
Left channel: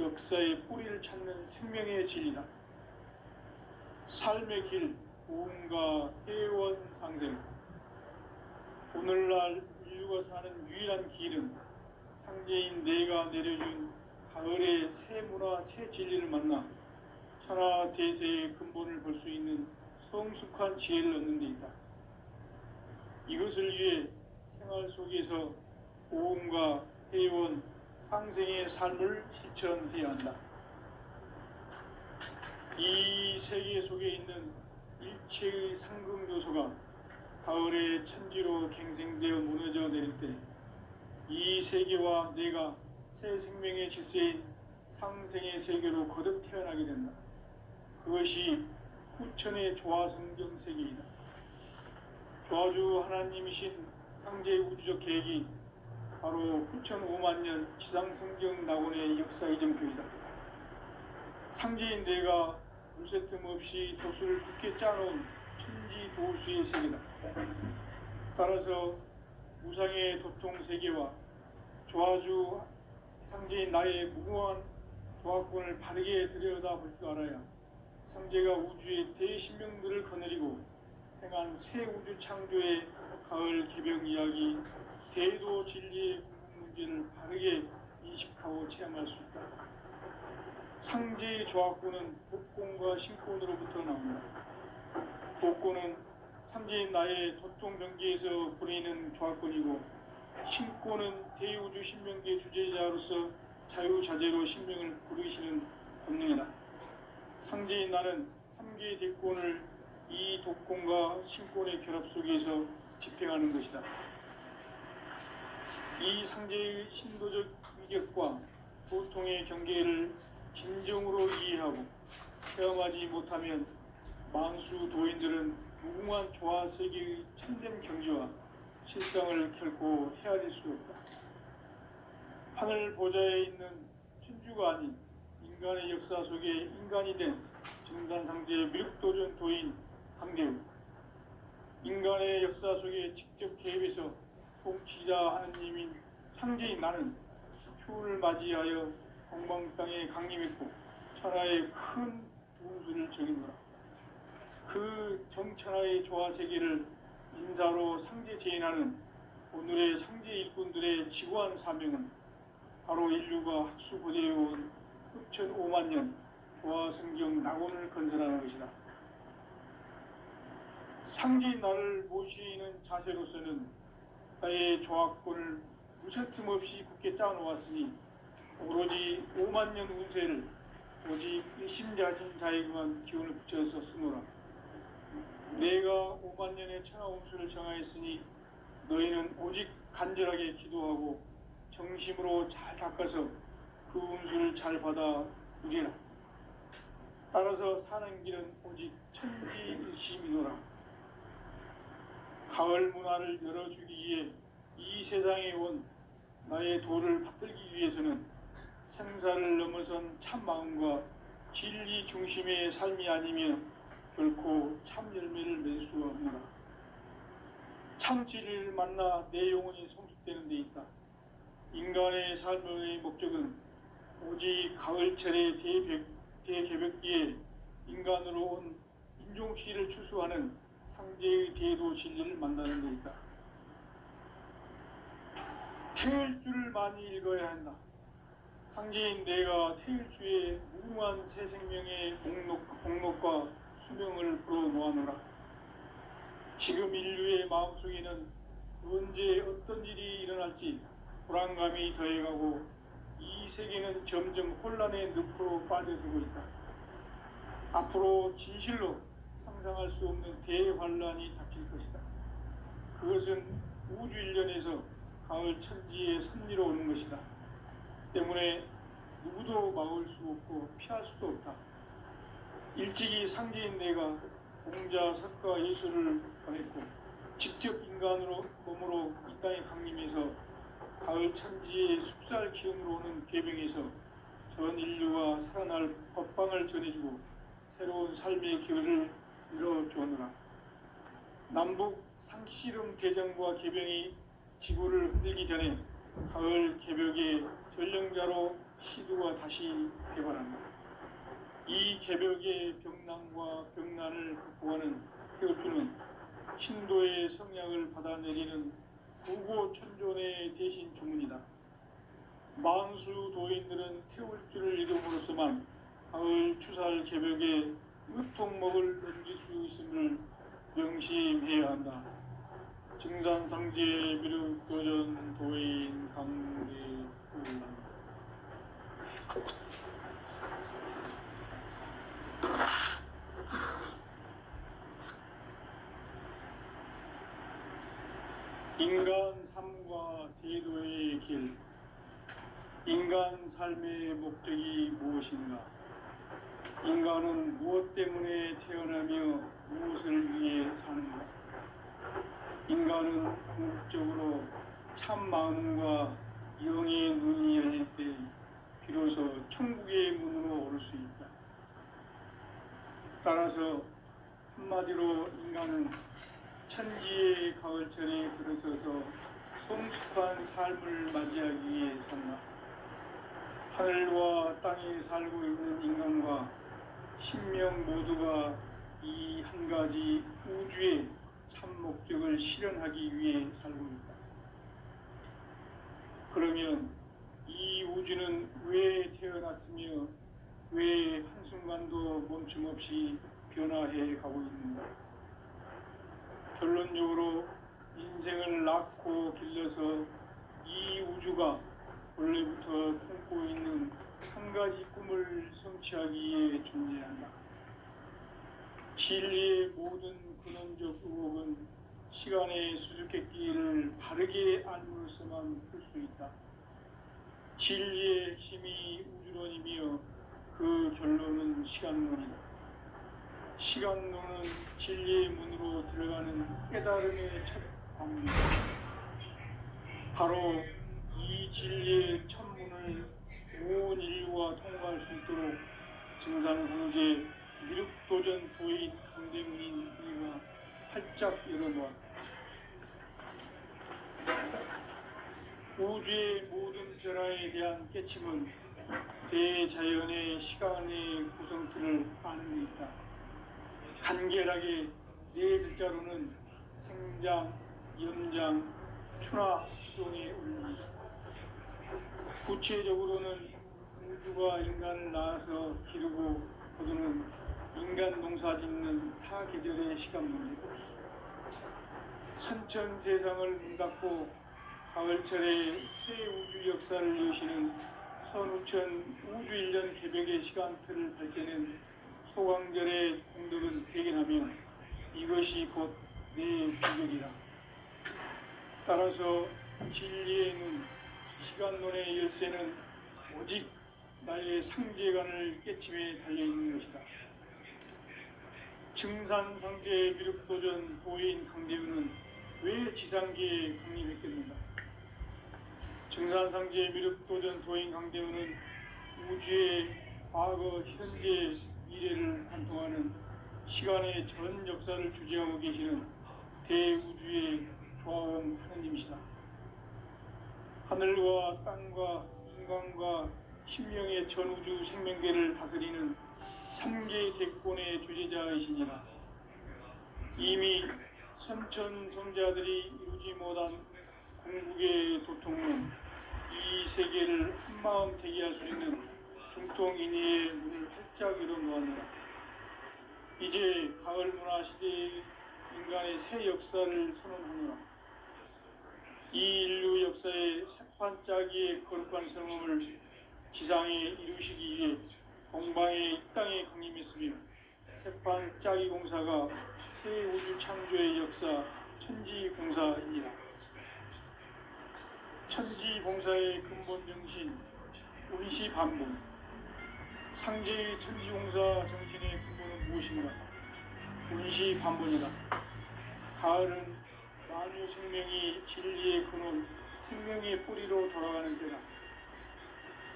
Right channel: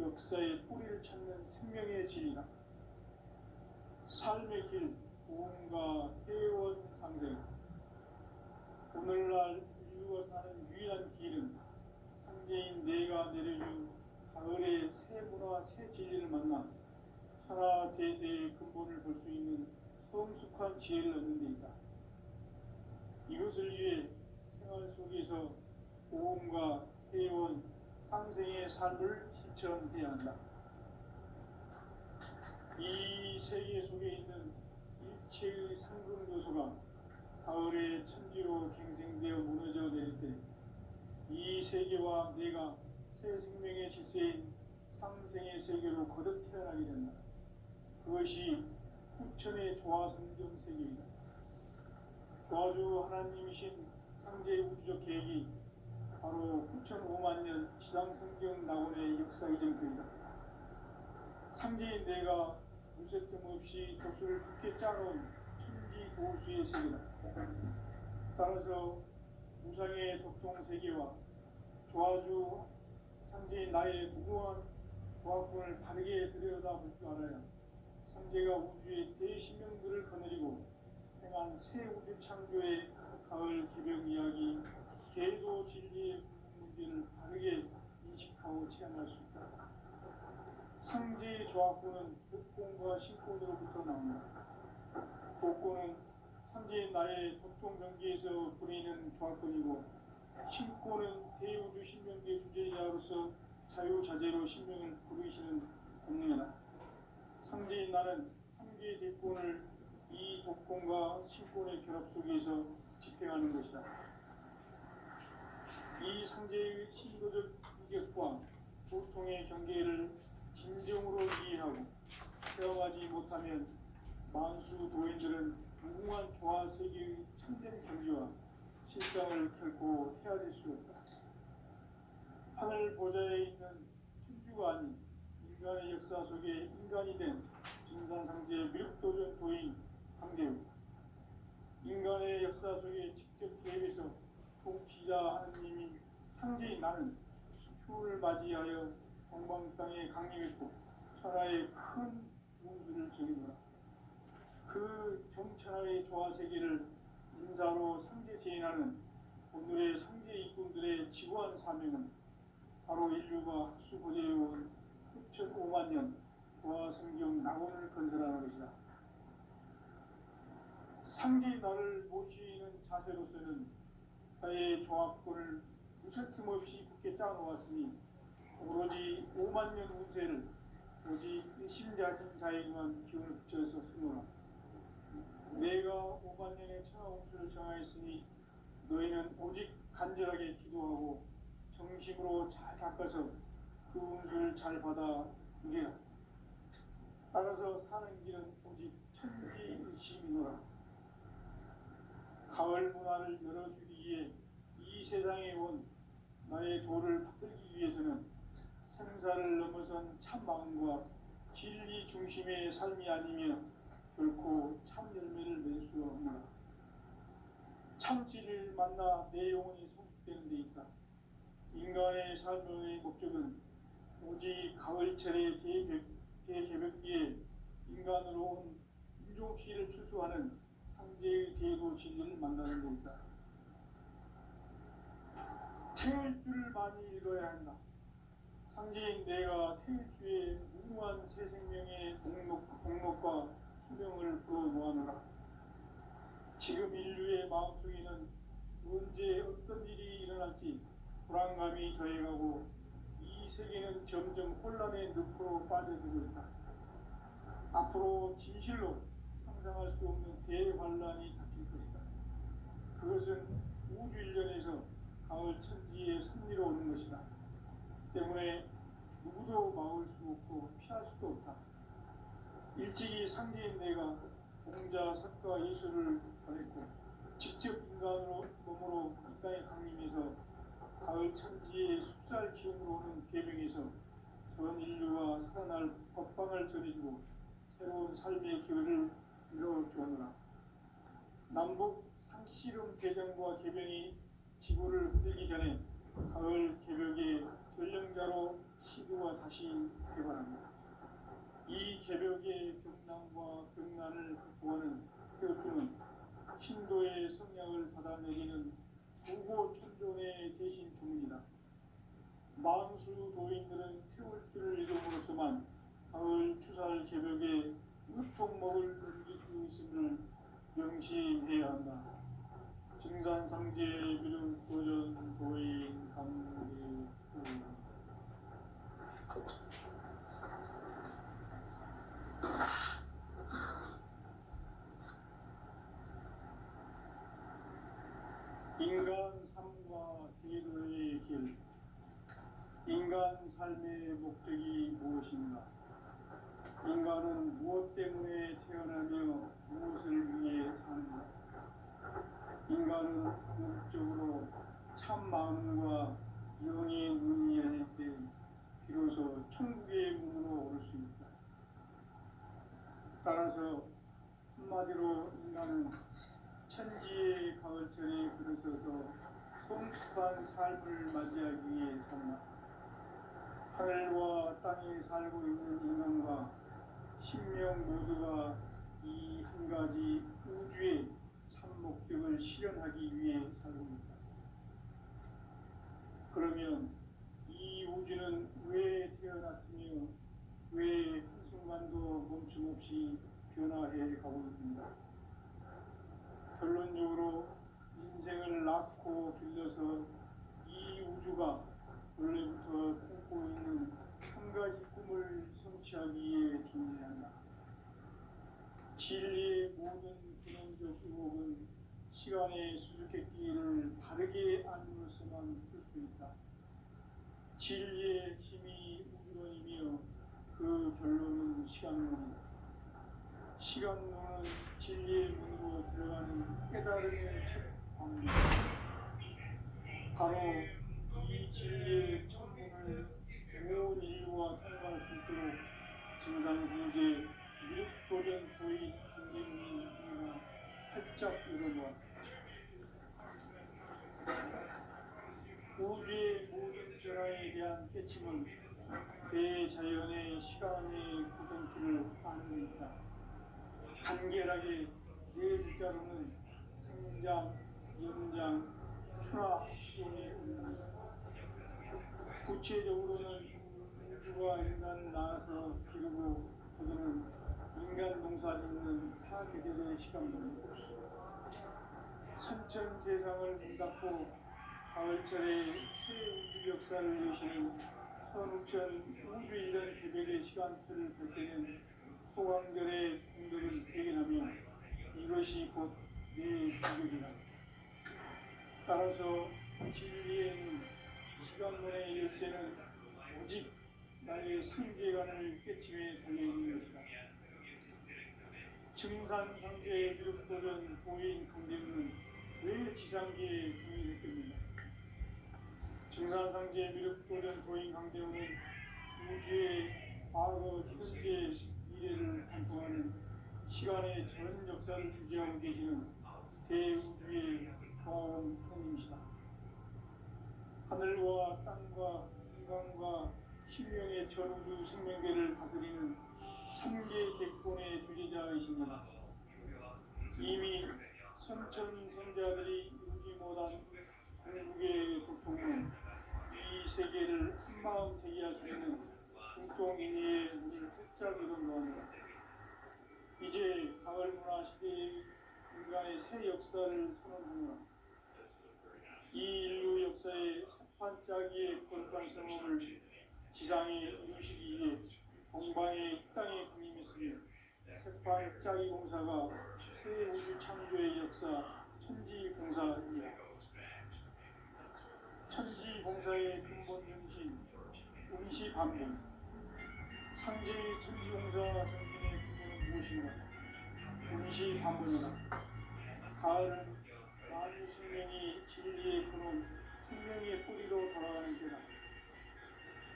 역사의 뿌리를 찾는 생명의 진리다. 삶의 길, 고음과 해원상생. 오늘날 인류가 사는 유일한 길은 상제인 내가 내려준 가을의 새 문화, 새 진리를 만나 천하 대세의 근본을 볼 수 있는 성숙한 지혜를 얻는 데 있다. 이것을 위해 생활 속에서 오음과 회원, 상생의 삶을 실천해야 한다. 이 세계 속에 있는 일체의 상급 요소가 가을의 천지로 갱생되어 무너져 내릴 때 이 세계와 내가 새 생명의 질서인 상생의 세계로 거듭 태어나게 된다. 그것이 후천의 조화성경 세계이다. 조화주 하나님이신 상제 우주적 계획이 바로 후천 5만 년 지상성경 낙원의 역사 이전표이다. 상제인 내가 무쇠 틈 없이 도수를 굳게 짜놓은 천지 도수의 세계다. 따라서 무상의 도통 세계와 조화주 상제인 나의 무궁한 조화권을 바르게 들여다볼 줄 알아야 상제가 우주의 대신명들을 거느리고 행한 새 우주 창조의 가을 개벽 이야기, 대도 진리의 문제를 바르게 인식하고 체험할 수 있다. 상제의 조화권은 복권과 신권으로부터 나옵니다. 복권은 상제인 나의 도통병기에서 보내는 조화권이고, 신권은 대우주 신명기의 주제자로서 자유자재로 신명을 부르시는 본능이다. 상제인 나는 3개의 대권을 이 독권과 신권의 결합 속에서 집행하는 것이다. 이 상제의 신도적 위격과 보통의 경계를 진정으로 이해하고 체험하지 못하면 만수 도인들은 무궁한 조화 세계의 참된 경지와 실상을 결코 헤아릴 수 없다. 하늘 보좌에 있는 천주가 아닌 인간의 역사 속에 인간이 된 증산상제의 미륵도전 도인 강대우, 인간의 역사 속에 직접 개입해서 통치자 하느님인 상제인 나는 추운을 맞이하여 공방 땅에 강림했고 천하의 큰 운수를 적이노라. 그 정천하의 조화 세계를 인사로 상제 제인하는 오늘의 상제 일꾼들의 지구한 사명은 바로 인류가 학수고대해온 후천 5만 년 조화 성경 낙원을 건설하는 것이다. 상제인 나를 모시는 자세로서는 나의 조화권을 무쇠틈 없이 굳게 짜놓았으니 오로지 5만 년 운세를 오직 일심자진 자에게만 기운을 붙여서 쓰노라. 내가 5만 년의 천하 운수를 정하였으니 너희는 오직 간절하게 기도하고 정심으로 잘 닦아서 그 운수를 잘 받아 누리라. 따라서 사는 길은 오직 천지일심이노라. 가을 문화를 열어주기 위해 이 세상에 온 나의 도를 받들기 위해서는 생사를 넘어선 참 마음과 진리 중심의 삶이 아니면 결코 참 열매를 맺을 수가 없노라. 참 진리를 만나 내 영혼이 성숙되는 데 있다. 인간의 삶의 목적은 오직 가을철의 대개벽기에 인간으로 온 인종씨를 추수하는 상제의 대도 진리를 만나는 데 있다. 태일주를 많이 읽어야 한다. 상제인 내가 태일주의 무궁한 새 생명의 공록과 수명을 불어모아노라. 지금 인류의 마음속에는 언제 어떤 일이 일어날지 불안감이 더해가고 이 세계는 점점 혼란의 늪으로 빠져들고 있다. 앞으로 진실로 상상할 수 없는 대환란이 닥칠 것이다. 그것은 우주 일련에서 가을 천지의 섭리로 오는 것이다. 때문에 누구도 막을 수 없고 피할 수도 없다. 일찍이 상제인 내가 공자, 석가, 예수를 보냈고 직접 인간으로 몸으로 이 땅에 강림해서 가을 천지의 숲살 기운으로 오는 계명에서 전 인류가 살아날 법방을 전해주고 새로운 삶의 기회를 열어주었노라. 남북 상씨름 대전과 개병이 지구를 흔들기 전에 가을 개벽의 전령자로 시두가 다시 개발한다. 이 개벽의 병난과 병난을 극복하는 태울주는 신도의 성약을 받아내리는 구고천존의 대신 주문이다. 만수 도인들은 태울주를 이름으로서만 가을 추살 개벽에 흙통목을 넘길 수 있음을 명심해야 한다. 증산상제 비륵 도전 도인 강대우. 인간 삶과 대도의 길. 인간 삶의 목적이 무엇인가? 인간은 무엇 때문에 태어나며 무엇을 위해 사는가? 인간은 궁극적으로 참 마음과 영의 눈이 열릴 때 비로소 천국의 문으로 오를 수 있다. 따라서 한마디로 인간은 천지의 가을철에 들어서서 성숙한 삶을 맞이하기 위해 산다. 하늘과 땅에 살고 있는 인간과 신명 모두가 이 한 가지 우주의 참 목적을 실현하기 위해 살고 있다. 그러면 이 우주는 왜 태어났으며 왜 한순간도 멈춤 없이 변화해 가고 있는가? 결론적으로 인생을 낳고 길러서 이 우주가 원래부터 품고 있는 한 가지 꿈을 성취하기 위해 존재한다. 진리의 모든 근원적 의혹은 시간의 수수께끼를 바르게 알므로서만 풀 수 있다. 진리의 핵심이 우주론이며 그 결론은 시간론이다. 시간론은 진리의 문으로 들어가는 깨달음의 첫 방법이다. 바로 이 진리의 천문을 온 인류가 통과할 수 있도록 증산상제 미륵도전 도인 강대문인 우리가 활짝 열어놓았다. 우주의 모든 변화에 대한 깨침은 대자연의 시간의 구성틀을 아는 데 있다. 간결하게 네 글자로는 생장, 염장, 추나 수동의 원리. 구체적으로는 우주가 인간을 낳아서 기르고 거두는 인간 농사 짓는 사계절의 시간입니다. 선천 세상을 문 닫고 가을철에 새 우주 역사를 여시는 선우천 우주일년 개벽의 시간틀을 밝혀낸 소강절의 공덕은 대견하며 이것이 곧 내 비결이라. 따라서 진리의 눈, 시간론의 열쇠는 오직 나의 상제관을 깨침에 달려있는 것이다. 증산상제 미륵도전 도인 강대우는 왜 지상계에 강림했겠는가? 증산상제 미륵도전 도인 강대우는 우주의 과거, 현재, 미래를 관통하는 시간의 전 역사를 주재하고 계시는 대우주의 조화원 하느님이시다. 하늘과 땅과 인간과 신명의 전우주 생명계를 다스리는 3개 대권의 주제자이시니라. 이미 선천성자들이 이루지 못한 궁극의 도통은 이 세계를 한마음 되게 할 수 있는 중통인의의 문을 활짝 열어놓았노라. 이제 가을 문화 시대의 인간의 새 역사를 선언하노라. 이 인류 역사의 새판짜기의 거룩한 성공을 지상에 이루시기 위해 동방의 이 땅에 강림했으며 새판짜기 공사가 새 우주 창조의 역사 천지공사이니라. 천지공사의 근본 정신 운시반복. 상제의 천지공사 정신의 근본은 무엇인가? 운시반복이다. 가을은 만유 생명이 진리의 근원, 생명의 뿌리로 돌아가는 때다.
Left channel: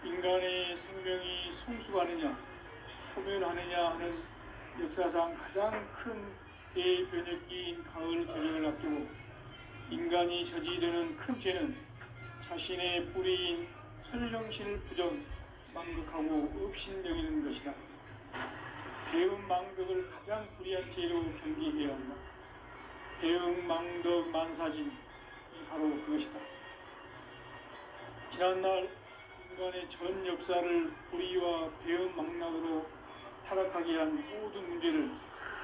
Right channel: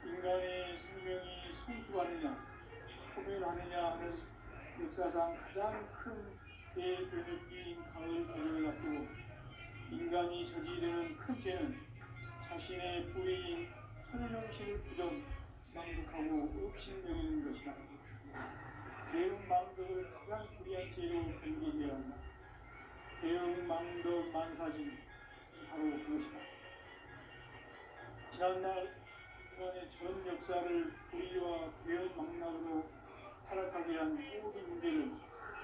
인간의 생명이 성숙하느냐, 소멸하느냐 하는 역사상 가장 큰 대변혁기인 가을 개혁을 앞두고 인간이 저지르는 큰 죄는 자신의 뿌리인 설령신을 부정, 망극하고 업신여기는 것이다. 배움 망덕을 가장 불의한 죄로 경계해야 한다. 배움 망덕 만사진, 바로 그것이다. 지난날 인간의 전 역사를 불의와 배은망락으로 타락하게 한 모든 문제를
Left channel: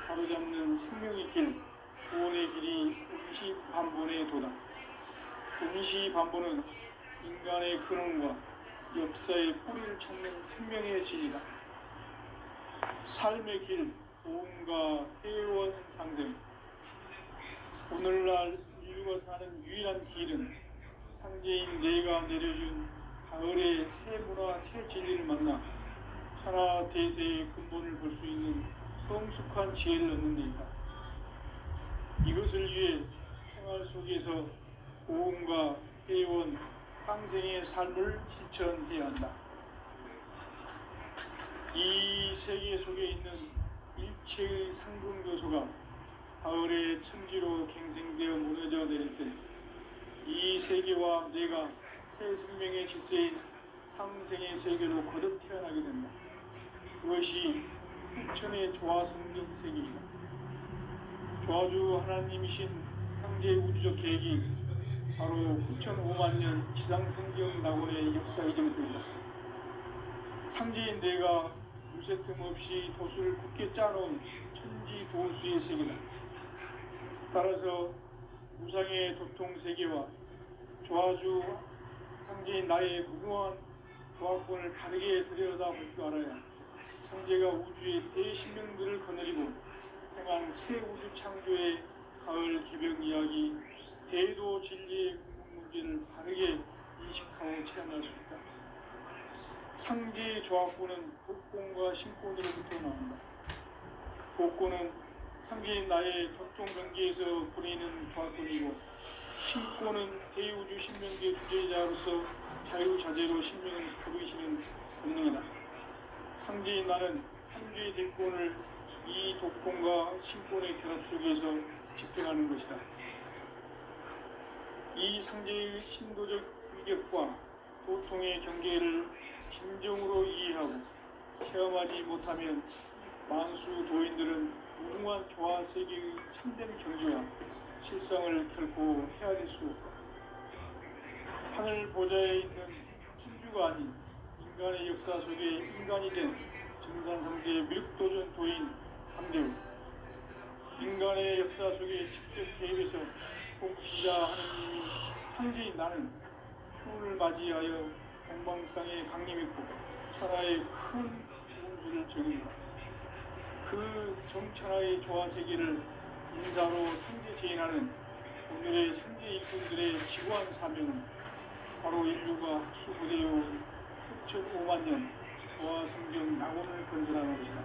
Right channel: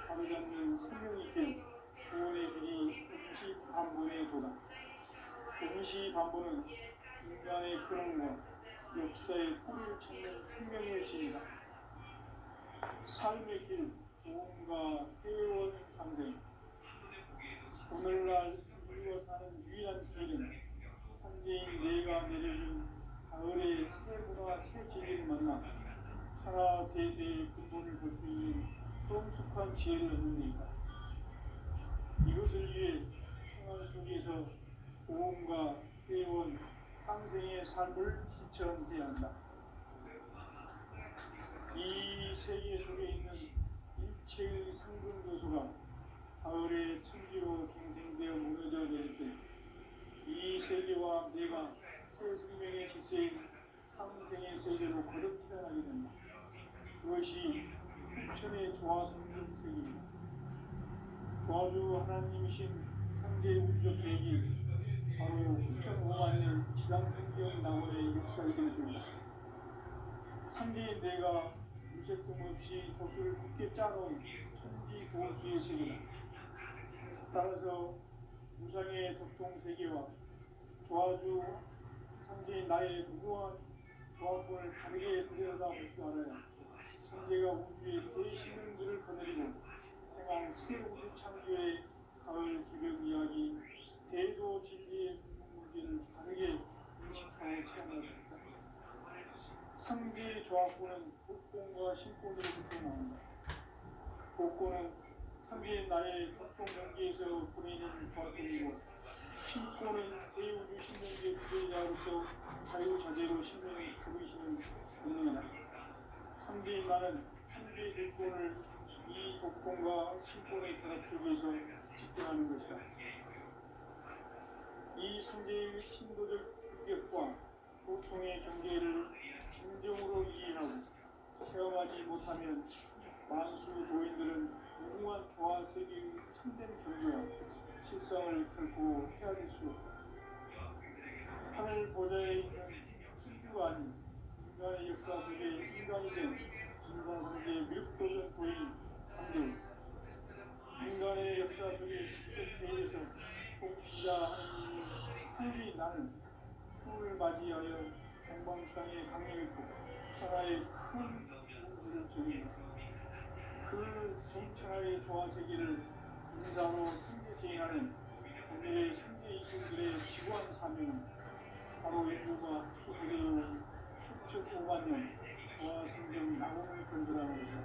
바로잡는 생명의 길, 구원의 길이 임시반본에 도다. 임시반본은 인간의 근원과 역사의 뿌리를 찾는 생명의 진이다. 삶의 길, 보험과 회원 상생. 오늘날 인류가 사는 유일한 길은 상제인 내가 내려준 가을의 새 문화, 새 진리를 만나 천하 대세의 근본을 볼 수 있는 성숙한 지혜를 얻는 데이다. 이것을 위해 생활 속에서 보험과 회원, 상생의 삶을 실천해야 한다. 이 세계 속에 있는 일체의 상금 요소가 가을의 천지로 갱생되어 무너져 내릴 때 이 세계와 내가 새 생명의 질서인 상생의 세계로 거듭 태어나게 된다. 그것이 흑천의 조화성등 세계이다. 조화주 하나님이신 상제 우주적 계획이 바로 9,500,000년 지상성경 낙원의 역사 이전입니다. 상제인 내가 무쇠 틈 없이 도수를 굳게 짜놓은 천지 도수의 세계다. 따라서 무상의 도통 세계와 조화주 상제인 나의 무궁한 조화권을 다르게 들여다볼 줄 알아야 상제가 우주의 대신명들을 거느리고 행한 새 우주 창조의 가을 개벽 이야기, 대도 진리의 문제를 바르게 인식하고 체험할 수 있다. 상제의 조화권은 복권과 신권으로부터 나온다. 복권은 상제인 나의 도통 경계에서 보내는 조화권이고, 신권은 대우주 신명계 주제자로서 자유자재로 신명을 부르시는 본능이다. 상제인 나는 상제의 딜권을 이 독권과 신권의 결합 속에서 집중하는 것이다. 이 상제의 신도적 위격과 도통의 경계를 진정으로 이해하고 체험하지 못하면 만수 도인들은 무궁한 조화 세계의 참된 경지와 실상을 결코 헤아릴 수 없다. 하늘 보좌에 있는 천주가 아닌 인간의 역사 속에 인간이 된 증산상제 밀도전 도인 강대우, 인간의 역사 속에 직접 개입해서 복지자 하느님이 상제인 나는 휴를 맞이하여 동방땅에 강림했고 천하의 큰 운수를 적인다. 그 정천하의 조화세계를 인사로 상제 제인하는 오늘의 상제 일꾼들의 지구한 사명은 바로 인류가 수부대해온 6,500,000년 조화성경 낙원을 건설하는 것이다.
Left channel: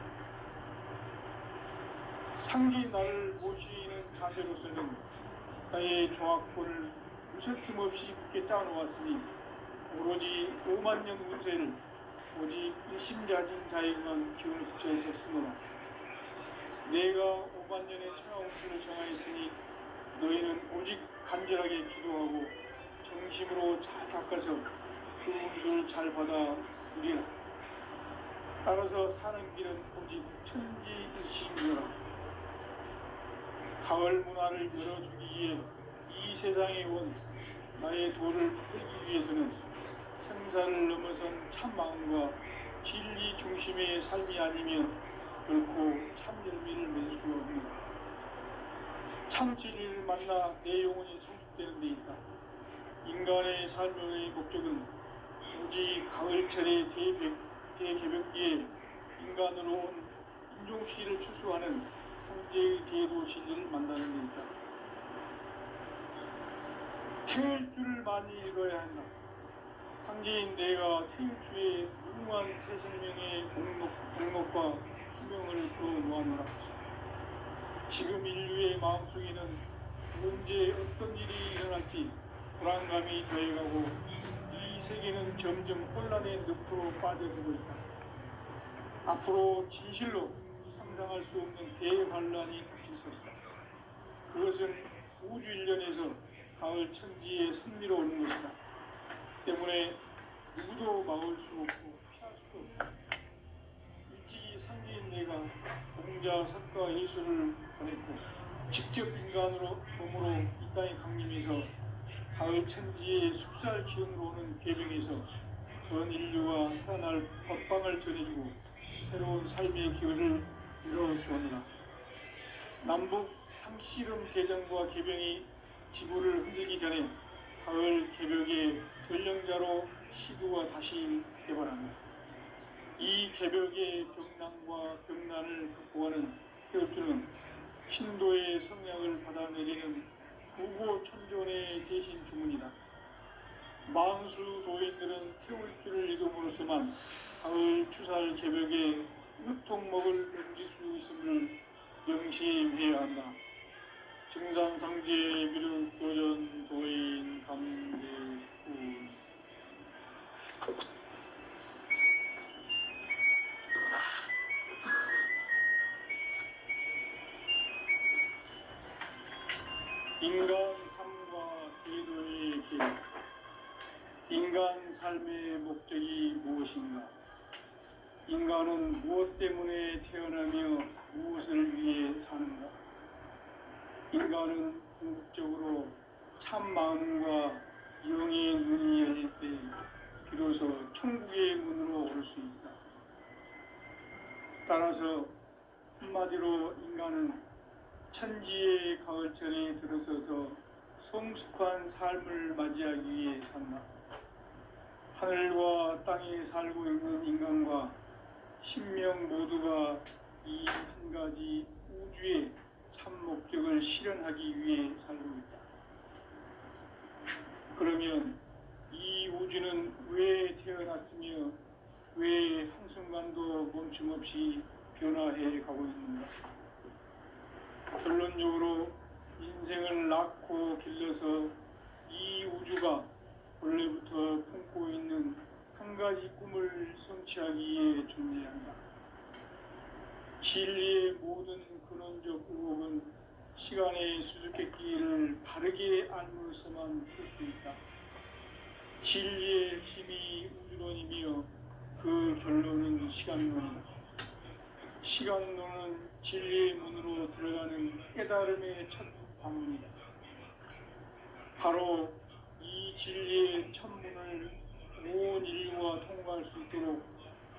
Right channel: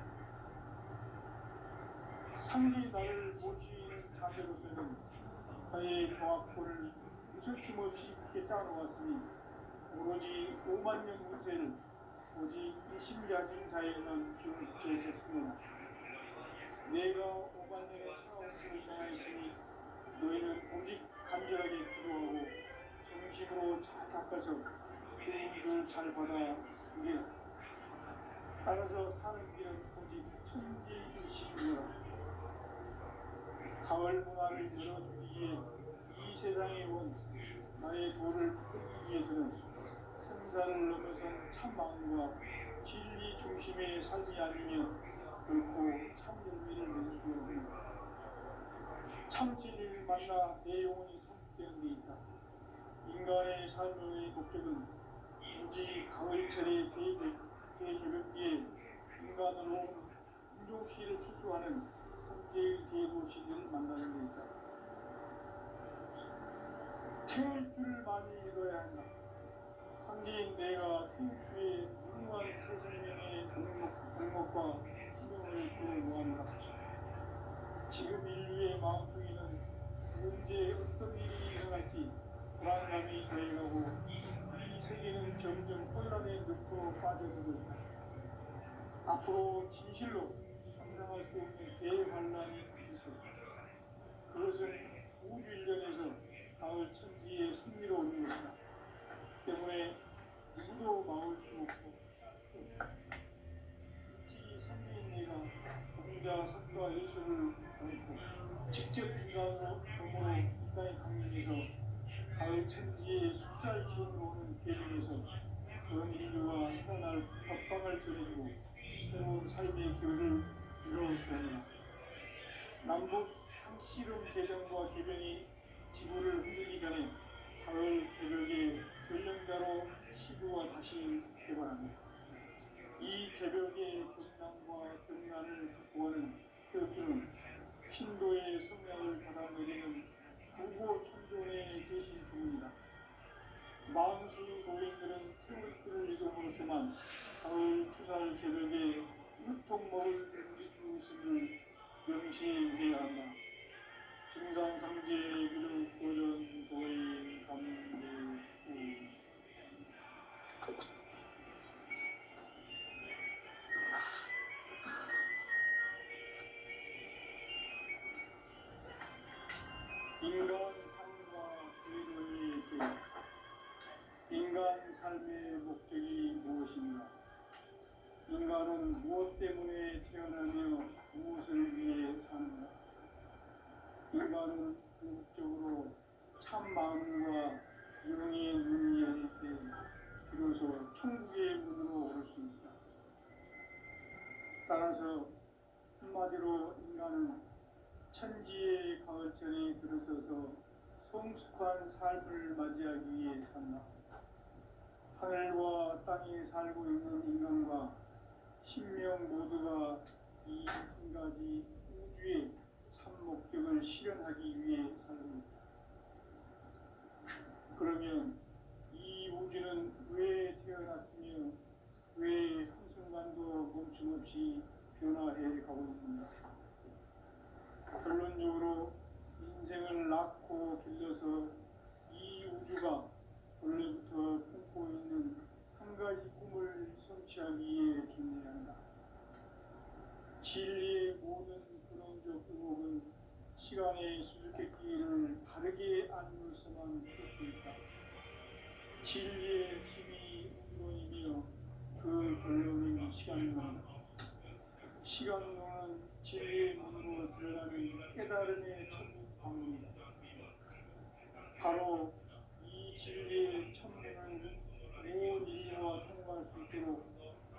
상제인 나를 모시는 자세로서는 나의 조화권을 무쇠틈 없이 굳게 짜놓았으니 오로지 50,000년 운세를 오직 일심자진 자에게만 기운을 붙여있었으므로 내가 50,000년의 천하운수를 정하였으니 너희는 오직 간절하게 기도하고 정심으로 잘 닦아서 그 운수를 잘 받아 누리라. 따라서 사는 길은 오직 천지일심이라. 가을 문화를 열어주기 위해 이 세상에 온 나의 도를 풀기 위해서는 생사를 넘어선 참 마음과 진리 중심의 삶이 아니면 결코 참 열매를 맺을 수 없는 참 진리를 만나 내 영혼이 성숙되는 데 있다. 인간의 삶의 목적은 오직 가을철의 대개벽기에 인간으로 온 인종시를 추수하는 성제의 대도 진리를 만나는 데 있다. 태일주를 많이 읽어야 한다. 상제인 내가 태일주의 무궁한 새 생명의 공목과 수명을 불어모아노라. 지금 인류의 마음속에는 언제 어떤 일이 일어날지 불안감이 더해가고 이 세계는 점점 혼란의 늪으로 빠져들고 있다. 앞으로 진실로 상상할 수 없는 대환란이 닥칠 것이다. 그것은 우주 일련에서 가을 천지에 선미로 오는 것이다. 때문에 누구도 막을 수 없고 피할 수도 없다. 일찍이 상제인 내가 공자, 석가, 예수를 보냈고 직접 인간으로 몸으로 이 땅에 강림해서 가을 천지의 숫살 기운으로 오는 계명에서 전 인류가 살아날 법방을 전해주고 새로운 삶의 기회를 열어주었노라. 남북 상씨름 대전과 개병이 지구를 흔들기 전에 가을 개벽의 전령자로 시도가 다시 개발합니다. 이 개벽의 병난과 병난을 극복하는 태엽주는 신도의 성약을 받아내리는 구고천존의 대신 주문이다. 망수 도인들은 태울주를 이름으로서만 가을 추살 개벽의 유통목을 넘길 수 있음을 명시해야 한다. 증산상제 미륵도전 도인 감대우. 인간 삶과 궤도의 길. 인간 삶의 목적이 무엇인가? 인간은 무엇 때문에 태어나며 무엇을 위해 사는가? 인간은 궁극적으로 참 마음과 영의 눈이 열릴 때 비로소 천국의 문으로 오를 수 있다. 따라서 한마디로 인간은 천지의 가을철에 들어서서 성숙한 삶을 맞이하기 위해 산다. 하늘과 땅에 살고 있는 인간과 신명 모두가 이 한 가지 우주의 참 목적을 실현하기 위해 살고 있다. 그러면 이 우주는 왜 태어났으며 왜 한순간도 멈춤없이 변화해 가고 있는가? 결론적으로 인생을 낳고 길러서 이 우주가 원래부터 품고 있는 한 가지 꿈을 성취하기 위해 존재한다. 진리의 모든 근원적 의혹은 시간의 수수께끼를 바르게 알므로서만 풀 수 있다. 진리의 핵심이 우주론이며 그 결론은 시간론이다. 시간론은 진리의 문으로 들어가는 깨달음의 첫 방문이다. 바로 이 진리의 천문을 온 인류가 통과할 수 있도록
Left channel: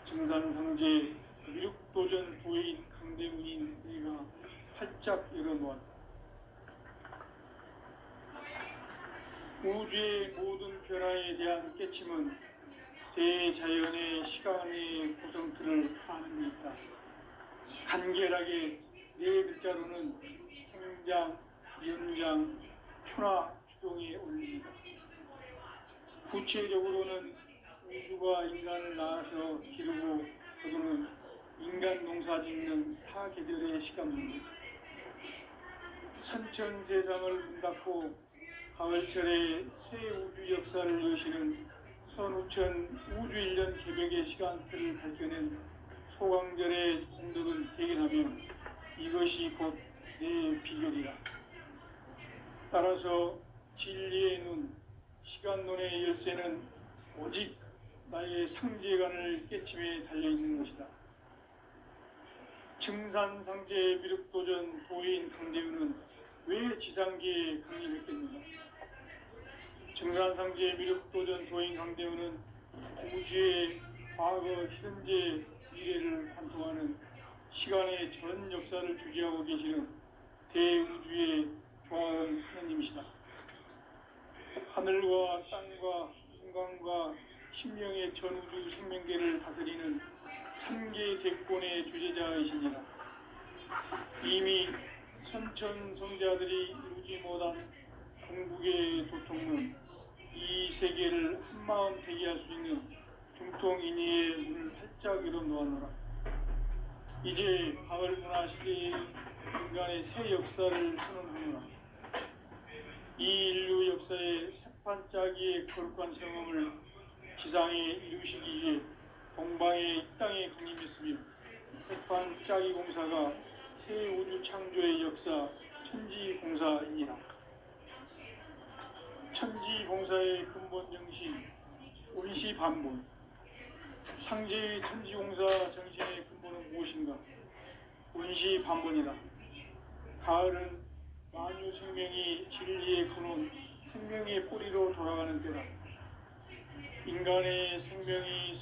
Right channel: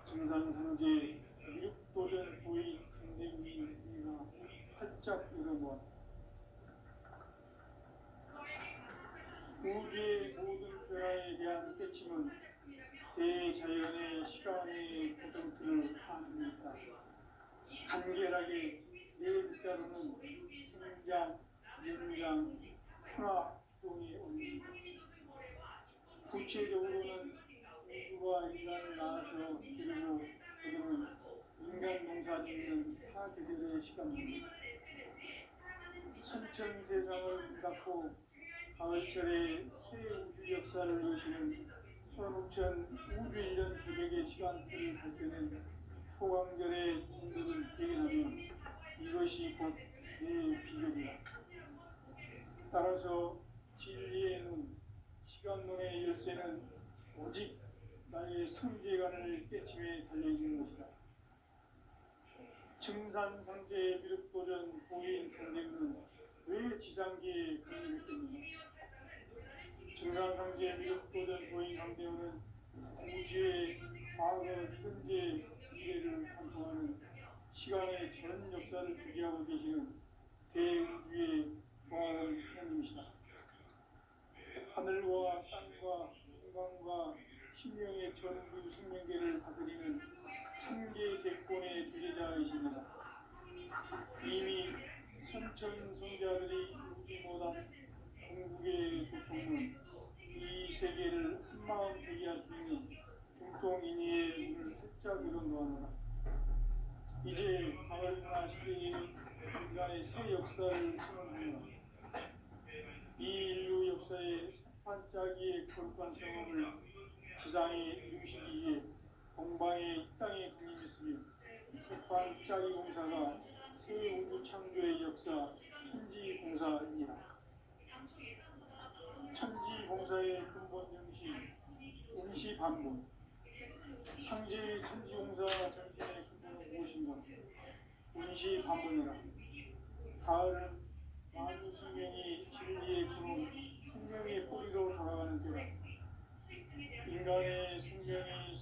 증산상제 미륵도전 도인 강대문인 내가 활짝 열어놓았다. 우주의 모든 변화에 대한 깨침은 대자연의 시간의 구성틀을 아는 데 있다. 간결하게 네 글자로는 생장, 연장, 추나, 추동에 올립니다. 구체적으로는 우주가 인간을 낳아서 기르고 거두는 인간 농사 짓는 사계절의 시간입니다. 선천 세상을 문 닫고 가을철에 새 우주 역사를 여시는 선우천 우주 1년 개벽의 시간틀을 밝혀낸 소강절의 공덕을 대견하며 이것이 곧 내 비결이다. 따라서 진리의 눈, 시간론의 열쇠는 오직 나의 상제관을 깨침에 달려있는 것이다. 증산상제 미륵도전 도인 강대우는 왜 지상계에 강림했겠는가? 증산상제 미륵도전 도인 강대우는 우주의 과거, 현재, 미래를 관통하는 시간의 전 역사를 주재하고 계시는 대우주의 조화의 하나님이시다. 하늘과 땅과 인간과 신명의 전우주 생명계를 다스리는 삼계 대권의 주제자이시니라. 이미 선천 성자들이 이루지 못한 궁극의 도통은 이 세계를 한마음 되게 할 수 있는 중통인의의 문을 활짝 열어놓았노라. 이제 가을 문화 시대의 인간의 새 역사를 선언하노라. 이 인류 역사의 새판짜기의 거룩한 성험을 지상에 이루시기 위해 동방의 이 땅에 강림했으며 새판짜기 공사가 새 우주 창조의 역사 천지공사이니라. 천지공사의 근본 정신 원시반본. 상제의 천지공사 정신의 근본은 무엇인가? 원시반본이다. 가을은 만유 생명이 진리의 근원, 생명의 뿌리로 돌아가는 때다. 인간의 생명이